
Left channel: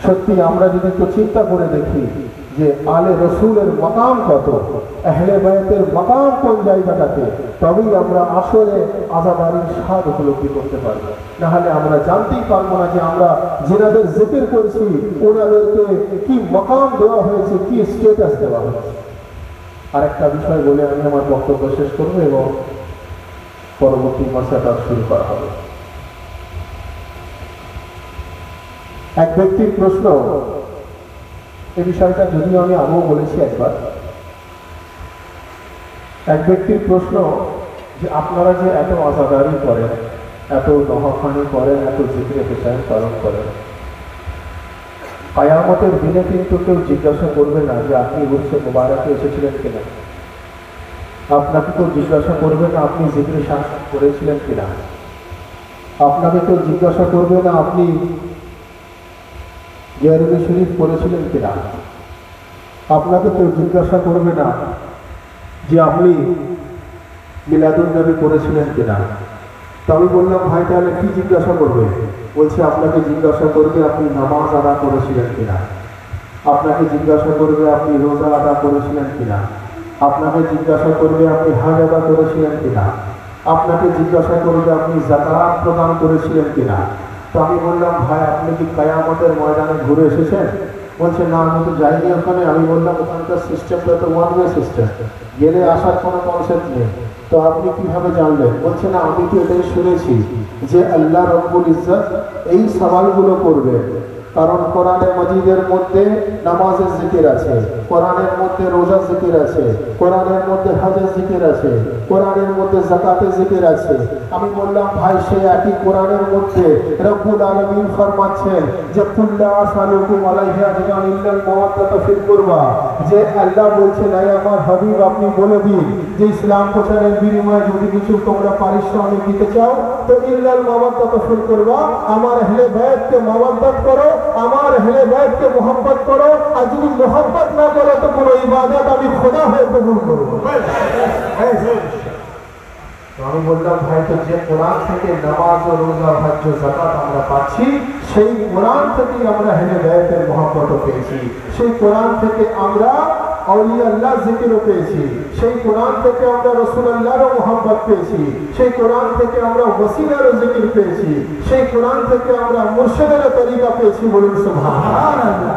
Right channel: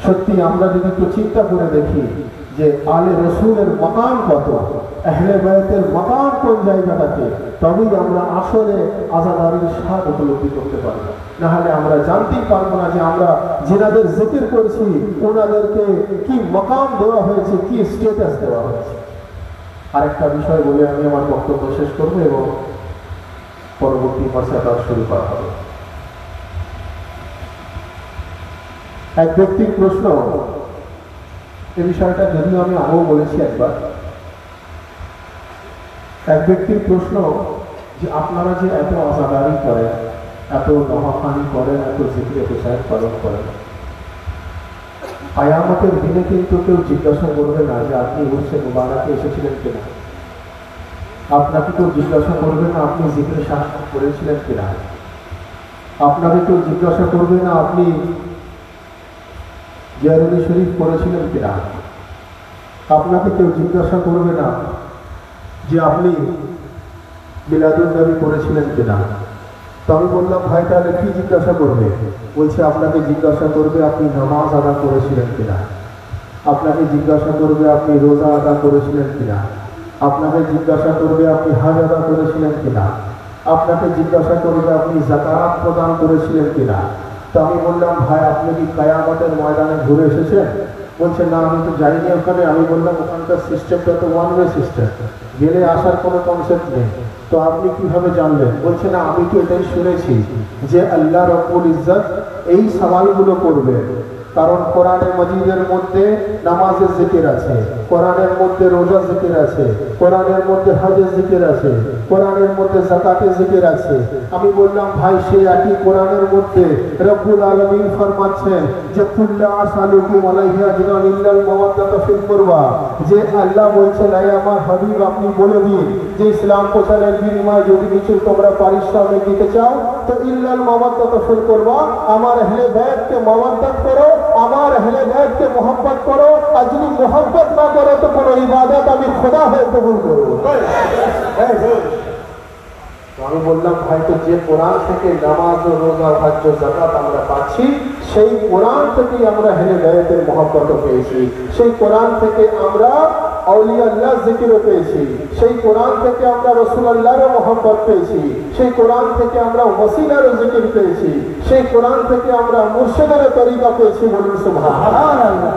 সত্যি আমরা যদি একটু চিন্তা করে দেখি যে আলে রসুলের মাকাম কত, আহলে বাইতের মাকাম কোন জায়গাটাতে, তবেই আমরা আসলে আযাদারির স্বাদ উপলব্ধি করতে পারবো। না হলে আমরা জানতেই পারবো না যে আমরা যেনাদের জিকির করছি ওনাদেরকে কি মাকাম দেওয়া হয়েছে, কি স্ট্যাটাস দেওয়া হয়েছে। আরেকটা বিষয় বলে আমি আমার বক্তব্য শেষ করবো এবং পরবর্তী মশাটা শুরু করা হবে। এক ব্যক্তির প্রশ্ন, এই বিষয়টা যদিও আমি আগেও বলেছি একবার, এক ব্যক্তির প্রশ্ন যে আপনারা যে এত আযাদারি করেন, এত দোহাখানি করেন, এত জিকিরে পেশায় পালন করেন, কিয়ামতের দিনে কিন্তু কেউ জিজ্ঞাসা করবে না যে আপনি উরসে মুবারাকে এসেছিলেন কিনা, আপনাকে কেউ জিজ্ঞাসা করবে না আপনি জিকিরে শামিল করেছিলেন কিনা, আপনাকে কেউ জিজ্ঞাসা করবে না আপনি গেরবি শরীফ পড়েছিলেন কিনা, আপনাকে কেউ জিজ্ঞাসা করবে না যে আপনি মিলাদুন নবী পড়েছিলেন কিনা। তো আমি বললাম ভাই তাহলে কি জিজ্ঞাসা করবে? বলছে আপনাকে জিজ্ঞাসা করবে আপনি নামাজ আদা করেছিলেন কিনা, আপনাকে জিজ্ঞাসা করবে আপনি রোজা আদা করেছিলেন কিনা, আপনাকে জিজ্ঞাসা করবে আপনি হজ আদা করেছিলেন কিনা, আপনাকে জিজ্ঞাসা করবে আপনি যাকাত প্রদান করেছিলেন কিনা। তো আমি বললাম ভাই আপনি কি কিয়ামতের ময়দানে ঘুরে এসেছেন? বলছে না আমি তো যাইনি ওখানে। আমি বললাম ওখানকার সিস্টেমটা তো ওয়ান ওয়ে সিস্টেম, গেলে আসার কোনো কনসেপ্ট নেই, তো আপনি কিভাবে জানলেন? বলছে না আমি তো এটাই শুনেছি যে আল্লাহ রব্বুল ইজ্জত এই সওয়ালগুলো করবে, কারণ কোরআনে মাজিদের মধ্যে নামাজের জিকির আছে, কোরআনের মধ্যে রোজা জিকির আছে, কোরআনের মধ্যে হজের জিকির আছে, কোরআনের মধ্যে যাকাতের জিকির আছে। আমি বললাম ভাই সেই একই কোরআনের মধ্যে রব্বুল আলামিন ফরমাচ্ছেন যে কুল্লা আসালুকুম আলাইহি আজরান ইল্লাল মাওয়াদ্দাতা ফিল কুরবা, যে আল্লাহ বলছেন আয় আমার হাবিব আপনি বলে দিন যে ইসলাম প্রচারের বিনিময়ে যদি কিছু তোমরা পারিশ্রমিক দিতে চাও তো ইল্লাল মাওয়াদ্দাতা ফিল কুরবা, আমার আহলে বাইতকে মাওয়াদ্দাত করো, আমার আহলে বাইতকে মোহাব্বত করো, আর যদি মোহাব্বত না করো তো কোনো ইবাদত আমি খোদা হয়ে কবুল করব। আমি বললাম ভাই তো যে কোরআন থেকে নামাজ ও রোজা হজ ও যাকাত আমরা পাচ্ছি সেই কোরআন থেকেই আমরা হেলে বেয়াতের মহব্বত পেয়েছি, সেই কোরআন থেকে আমরা আউলিয়া আল্লাহ জিকিরও পেয়েছি, সেই কোরআন থেকে আমরা রাসূলুল্লাহর মহব্বত পেয়েছি, সেই কোরআন থেকে আমরা ওসিলার জিকির পেয়েছি, সেই কোরআন থেকে আমরা মুর্শিদের তরিকা পেয়েছি। বলুন সুবহানাল্লাহ।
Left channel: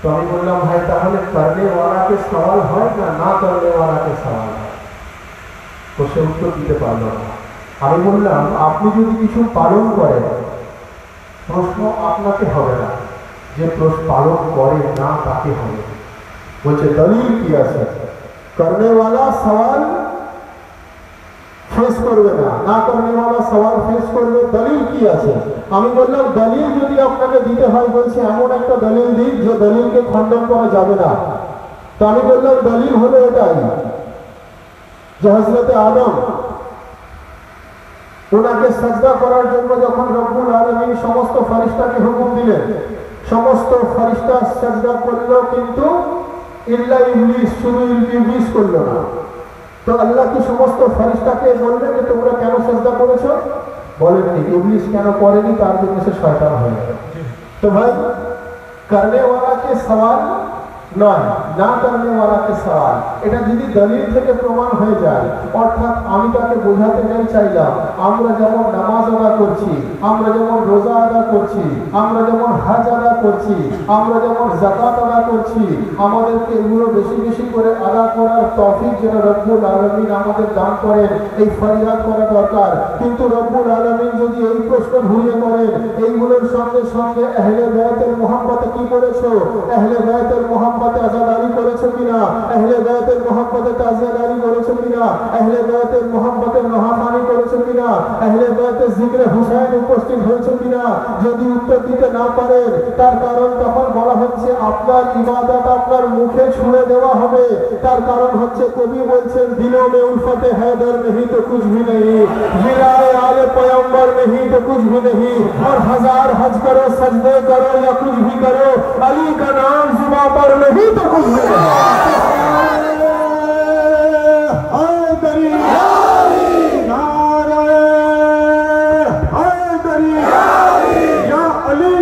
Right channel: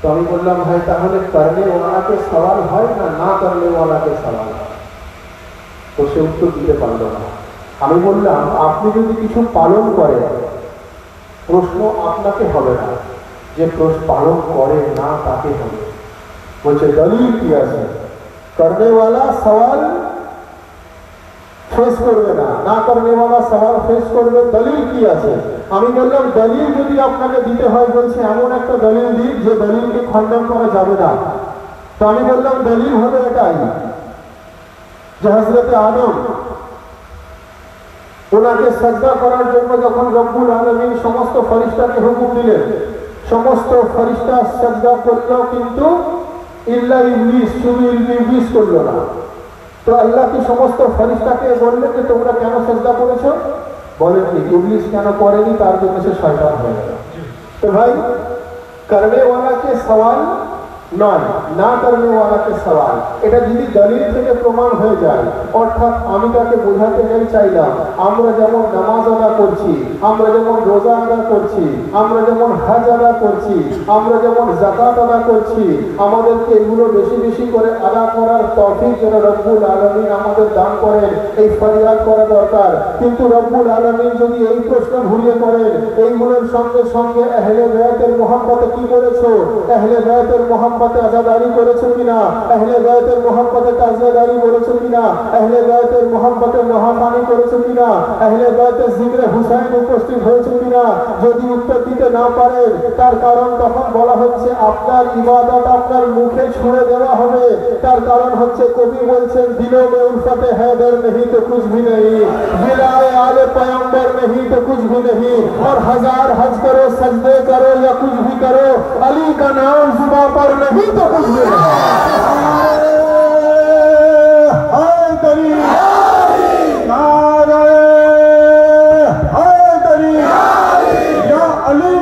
তো আমি বললাম ভাই তাহলে করলে ওয়ালাকে সওয়াল হয় না না করলে ওয়ালাকে সওয়াল হয়? তো সে উত্তর দিতে পারল না। আমি বললাম আপনি যদি কিছু পালন করেন প্রশ্ন আপনাকে হবে না, যে প্রশ্ন পালন করে না তাকে হবে। বলছে দলিল কি আছে? করনে ওয়ালা সওয়াল ফেস করবে না, না করনে ওয়ালা সওয়াল ফেস করবে, দলিল কি আছে? আমি বললাম দলিল যদি আপনাকে দিতে হয়, বলছে এমন একটা দলিল দিন যে দলিলকে খণ্ডন করা যাবে না। তো আমি বললাম দলিল হলো এটাই যে হযরতে আদম ওনাকে সাজদা করার জন্য যখন রব্বুল আলামিন সমস্ত ফেরেশতাকে হুকুম দিলেন, সমস্ত ফেরেশতা সাজদা করলো, কিন্তু ইল্লা ইবলিস, শুধু ইবলিস করলো না। তো আল্লাহ কি সমস্ত ফেরেশতাকে বললেন যে তোমরা কেন সাজদা করেছো? বলেননি। ইবলিস কেন করেনি? তার জন্য সে শয়তান হয়ে গেল। তো ভাই করনে ওয়ালাকে সওয়াল নয়, না করনে ওয়ালাকে সওয়াল, এটা যদি দলিল থেকে প্রমাণ হয়ে যায়, অর্থাৎ আমি তাকে বোঝাতে চাইলাম আমরা যেমন নামাজ আদা করছি, আমরা যেমন রোজা আদা করছি, আমরা যেমন হজ আদা করছি, আমরা যেমন যাকাত আদা করছি, আমাদেরকে এগুলো বেশি বেশি করে আদা করার তৌফিক যেন রব্বুল আলামিন আমাদের দান করেন, এই ফরিয়াদ করা দরকার। কিন্তু রব্বুল আলামিন যদি এই প্রশ্ন ঘুরিয়ে করেন এইগুলোর সঙ্গে সঙ্গে আহলে বায়তের মহব্বতে কি করেছো? আহলে বায়তের মহব্বতে আজাদারি করেছো কিনা? আহলে বায়তের মহব্বতে তাজিয়াদারি করেছো কিনা? আহলে বায়তের মহব্বতে নহাখানি করেছো কিনা? আহলে বায়তের জিকরে হুসাইন উপস্থিত হয়েছে কিনা? যদি উত্তর দিতে না পারেন তার কারণ তখন বলা হচ্ছে আপনার ইবাদত আপনার মুখে ছুঁড়ে দেওয়া হবে। তার কারণ হচ্ছে কবি বলছেন দিलों में उल्फत हैदर नहीं तो कुछ भी नहीं, विलाए आले पैगंबर नहीं तो कुछ भी नहीं, और हजार हज करो सजदे करो या कुछ भी करो, अली का नाम जुबान पर नहीं तो कुछ भी नहीं। हाय करी नारे हाय करी या अली या अली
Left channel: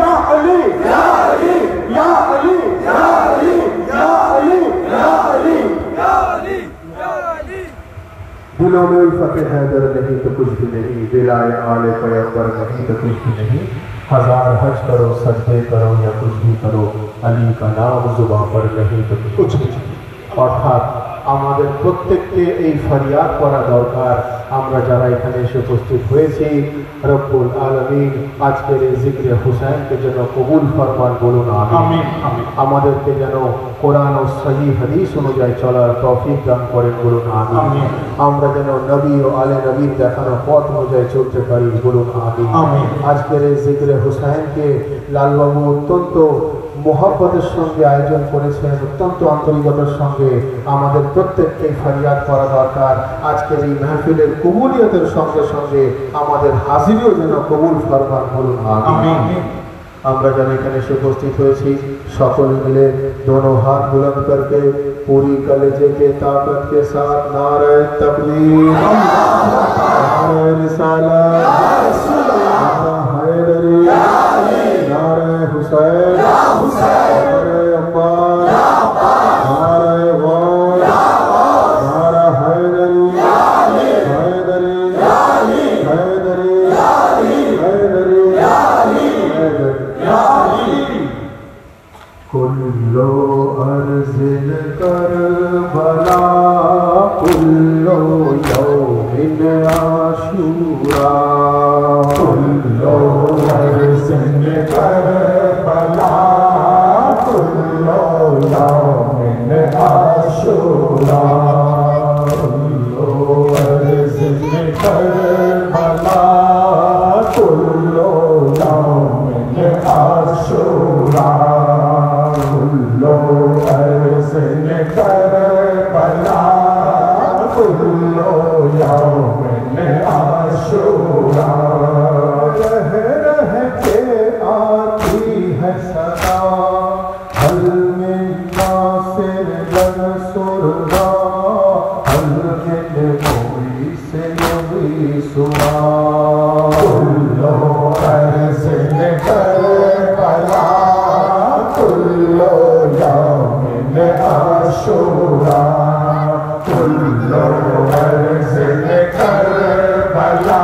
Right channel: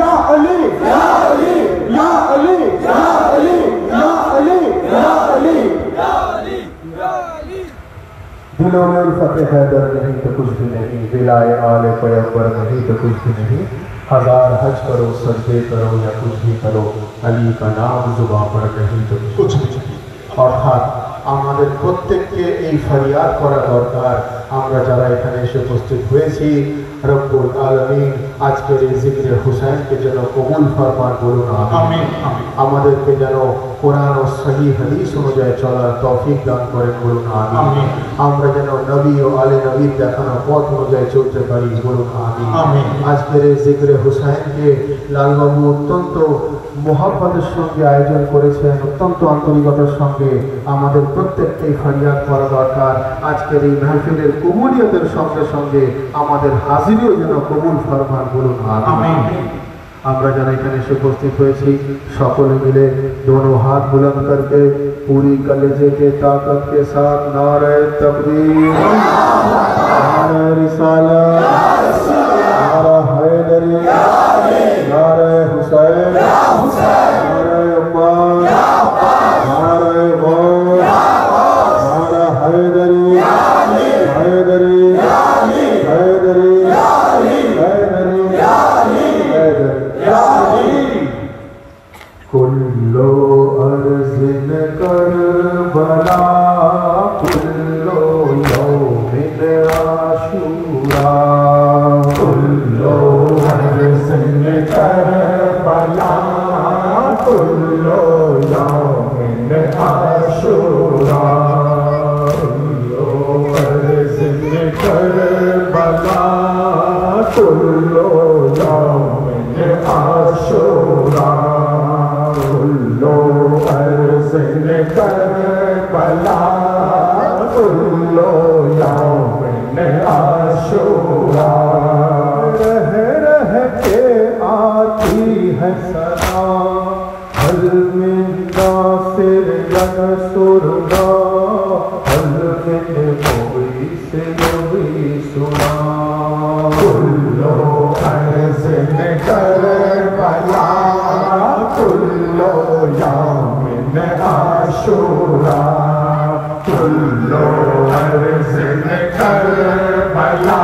या अली या अली या अली या अली या अली या अली या अली या अली। दिलों में उल्फत हैदर नहीं तो कुछ भी नहीं, विलाए आले पैगंबर नहीं तो कुछ भी नहीं, हजार हज करो सजदे करो या कुछ भी करो, अली का नाम जुबान पर नहीं तो कुछ भी नहीं। অর্থাৎ আমাদের প্রত্যেককে এই ফরিয়াদ করা দরকার, আমরা যারা এখানে এসে উপস্থিত হয়েছি রব্বুল আলামিন আজকের এই জিকরে হুসাইনকে যেন কবুল ফরমান। বলুন আমিন। আমাদেরকে যেন কোরআন ও সহিহ হাদিস অনুযায়ী চলার তৌফিক দান করেন। বলুন আমিন। আমরা যেন নবী ও আলে নবীর দেখানো পথ অনুযায়ী চলতে পারি। বলুন আমিন। আজকের এই জিকরে হুসাইনকে লালবাবু অত্যন্ত মোহাব্বতের সঙ্গে আয়োজন করেছেন, অত্যন্ত আন্তরিকতার সঙ্গে। আমাদের প্রত্যেককে ফরিয়াদ করা দরকার আজকের এই মাহফিলের কবুলিয়তের সঙ্গে সঙ্গে আমাদের হাজিরিও যেন কবুল ফরমান। বলুন আমিন। আমরা যারা এখানে এসে উপস্থিত হয়েছি সকলে মিলে दोनों हाथ बुलंद करके पूरी कलेजे के ताकत के साथ नारे तकबीर, नारे रिसालत, नारा हैदरी, नारे हुसैन, नारे अब्बास, नारे गौस, नारा हैदरी, हैदरी, हैदरी, हैदरी, हैदरी। कुल्लो अर्ज़िन करबला, कुल्लो यौमिन आशूरा, कुल्लो अर्ज़िन करबला, कुल्लो यौमिन आशूरा, कुल्लो अर्ज़िन करबला, कुल्लो यौमिन आशूरा, कुल्लो अर्ज़िन करबला, कुल्लो यौमिन आशूरा। रह रह के आती है सदा, हल मिन नासिर जन सुरदा, हल मिन आशूरा कुल्लो अर्ज़ करबला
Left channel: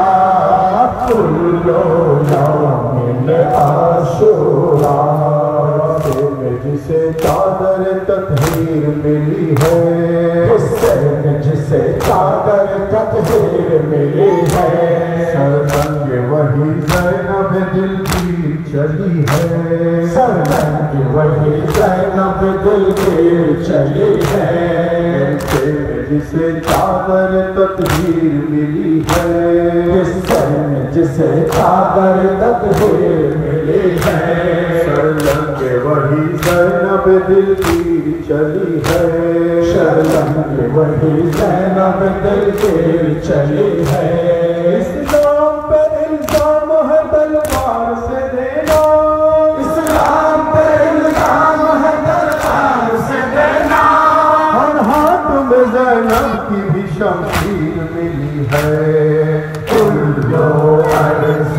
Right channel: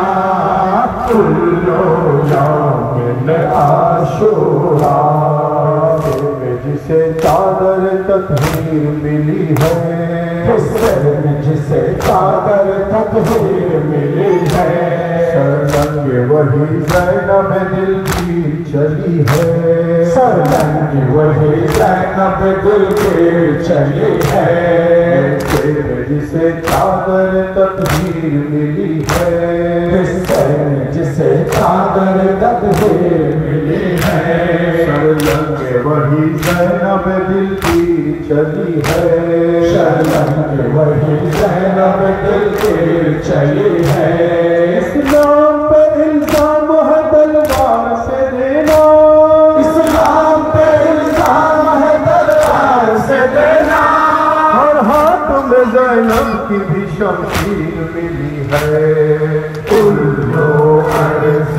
कुल्लो यौमिल आशूरा जिसे चादर तकदीर मिली है जिसे चादर तकदीर मिली है सरसंग वही ज़ैनब दिल की चली है सरसंग वही ज़ैनब दिल की चली है जिसे चादर तकदीर मिली है जिसे चादर तकदीर मिली है सरसंग वही ज़ैनब दिल की चली है सरसंग वही ज़ैनब दिल की चली है इस्लाम पर इल्जाम है तलवार से देना इस्लाम पर इल्जाम है तलवार से देना और हाथ में ज़ैनब की भी शमशीर मिली है कुल्लो अर्ज़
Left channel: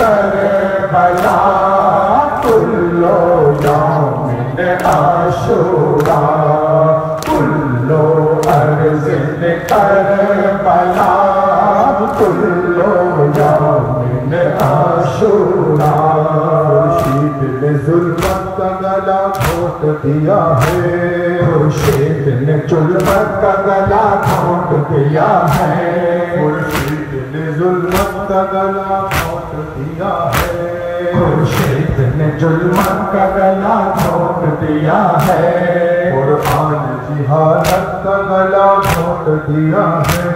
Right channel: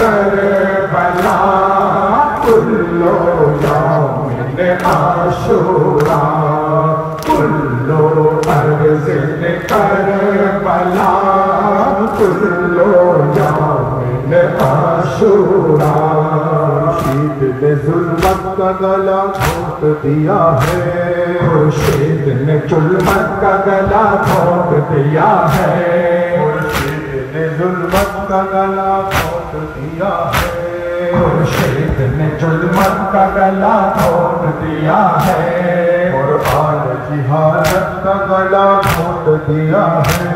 करबला कुल्लो यौमिल आशूरा कुल्लो अर्ज़ करबला कुल्लो यौमिल आशूरा खुर्शीद ने जुल्मत का गला घोट दिया है खुर्शीद ने जुल्मत का गला घोट दिया है खुर्शीद ने जुल्मत का गला घोट दिया है खुर्शीद ने जुल्मत का गला घोट दिया है कुर्बान जिहालत का गला घोट दिया है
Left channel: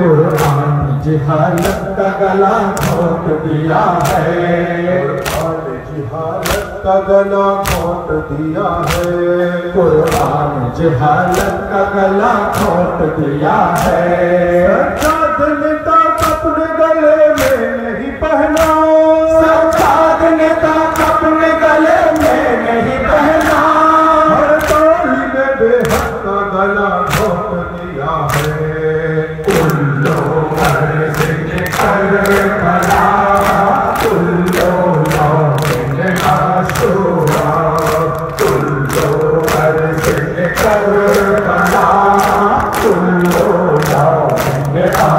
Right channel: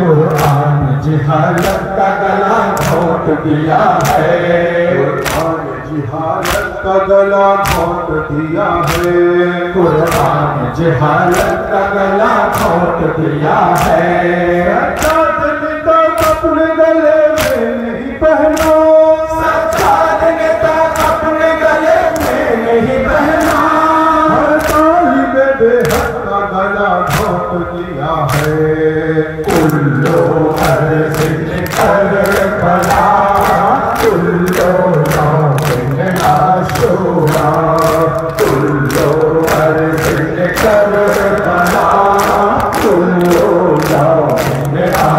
कुर्बान जिहालत का गला घोट दिया है कुर्बान जिहालत का गला घोट दिया है कुर्बान जिहालत का गला घोट दिया है सज्जाद ने तो अपने गले में नहीं पहना सज्जाद ने तो अपने गले में नहीं पहना हर तालिब बेहद का गला घोट दिया है कुल्लो अर्ज़ करबला कुल्लो यौमिल आशूरा कुल्लो अर्ज़ करबला कुल्लो यौमिल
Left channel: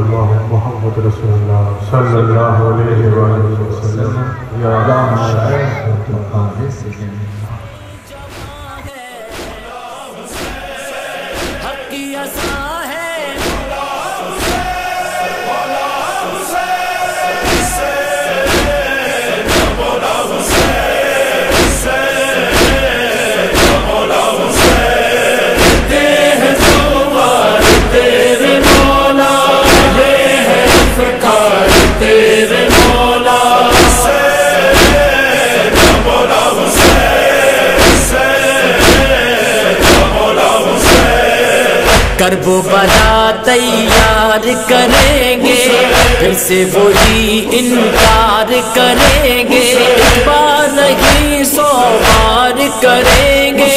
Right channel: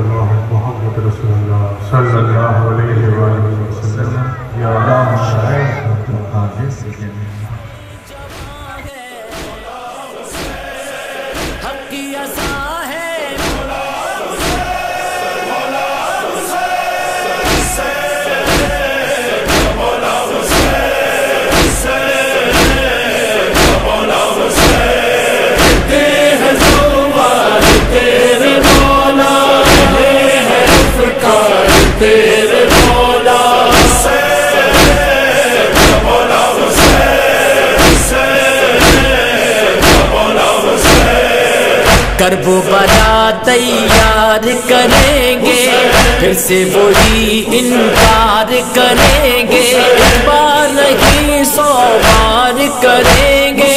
इल्लल्लाह मुहम्मद रसूलुल्लाह सल्लल्लाहु अलैहि वसल्लम या हक की असा है तेरे मौला है फ़िकार तेरे मौला करबो बला तैयार करेंगे फिर से वही इनकार करेंगे एक बार नहीं 100 बार करेंगे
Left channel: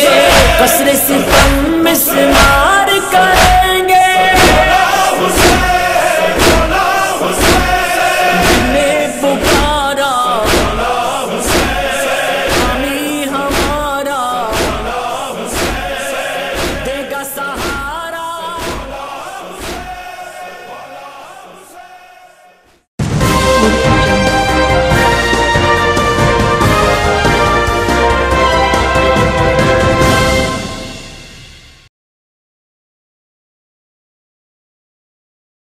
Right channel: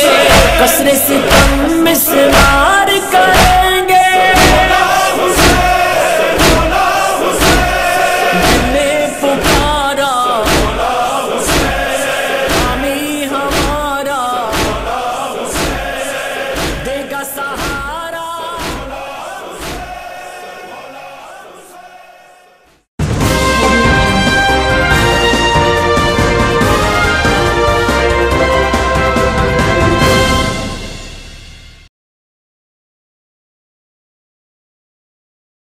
कसरे सितम मिसमार करेंगे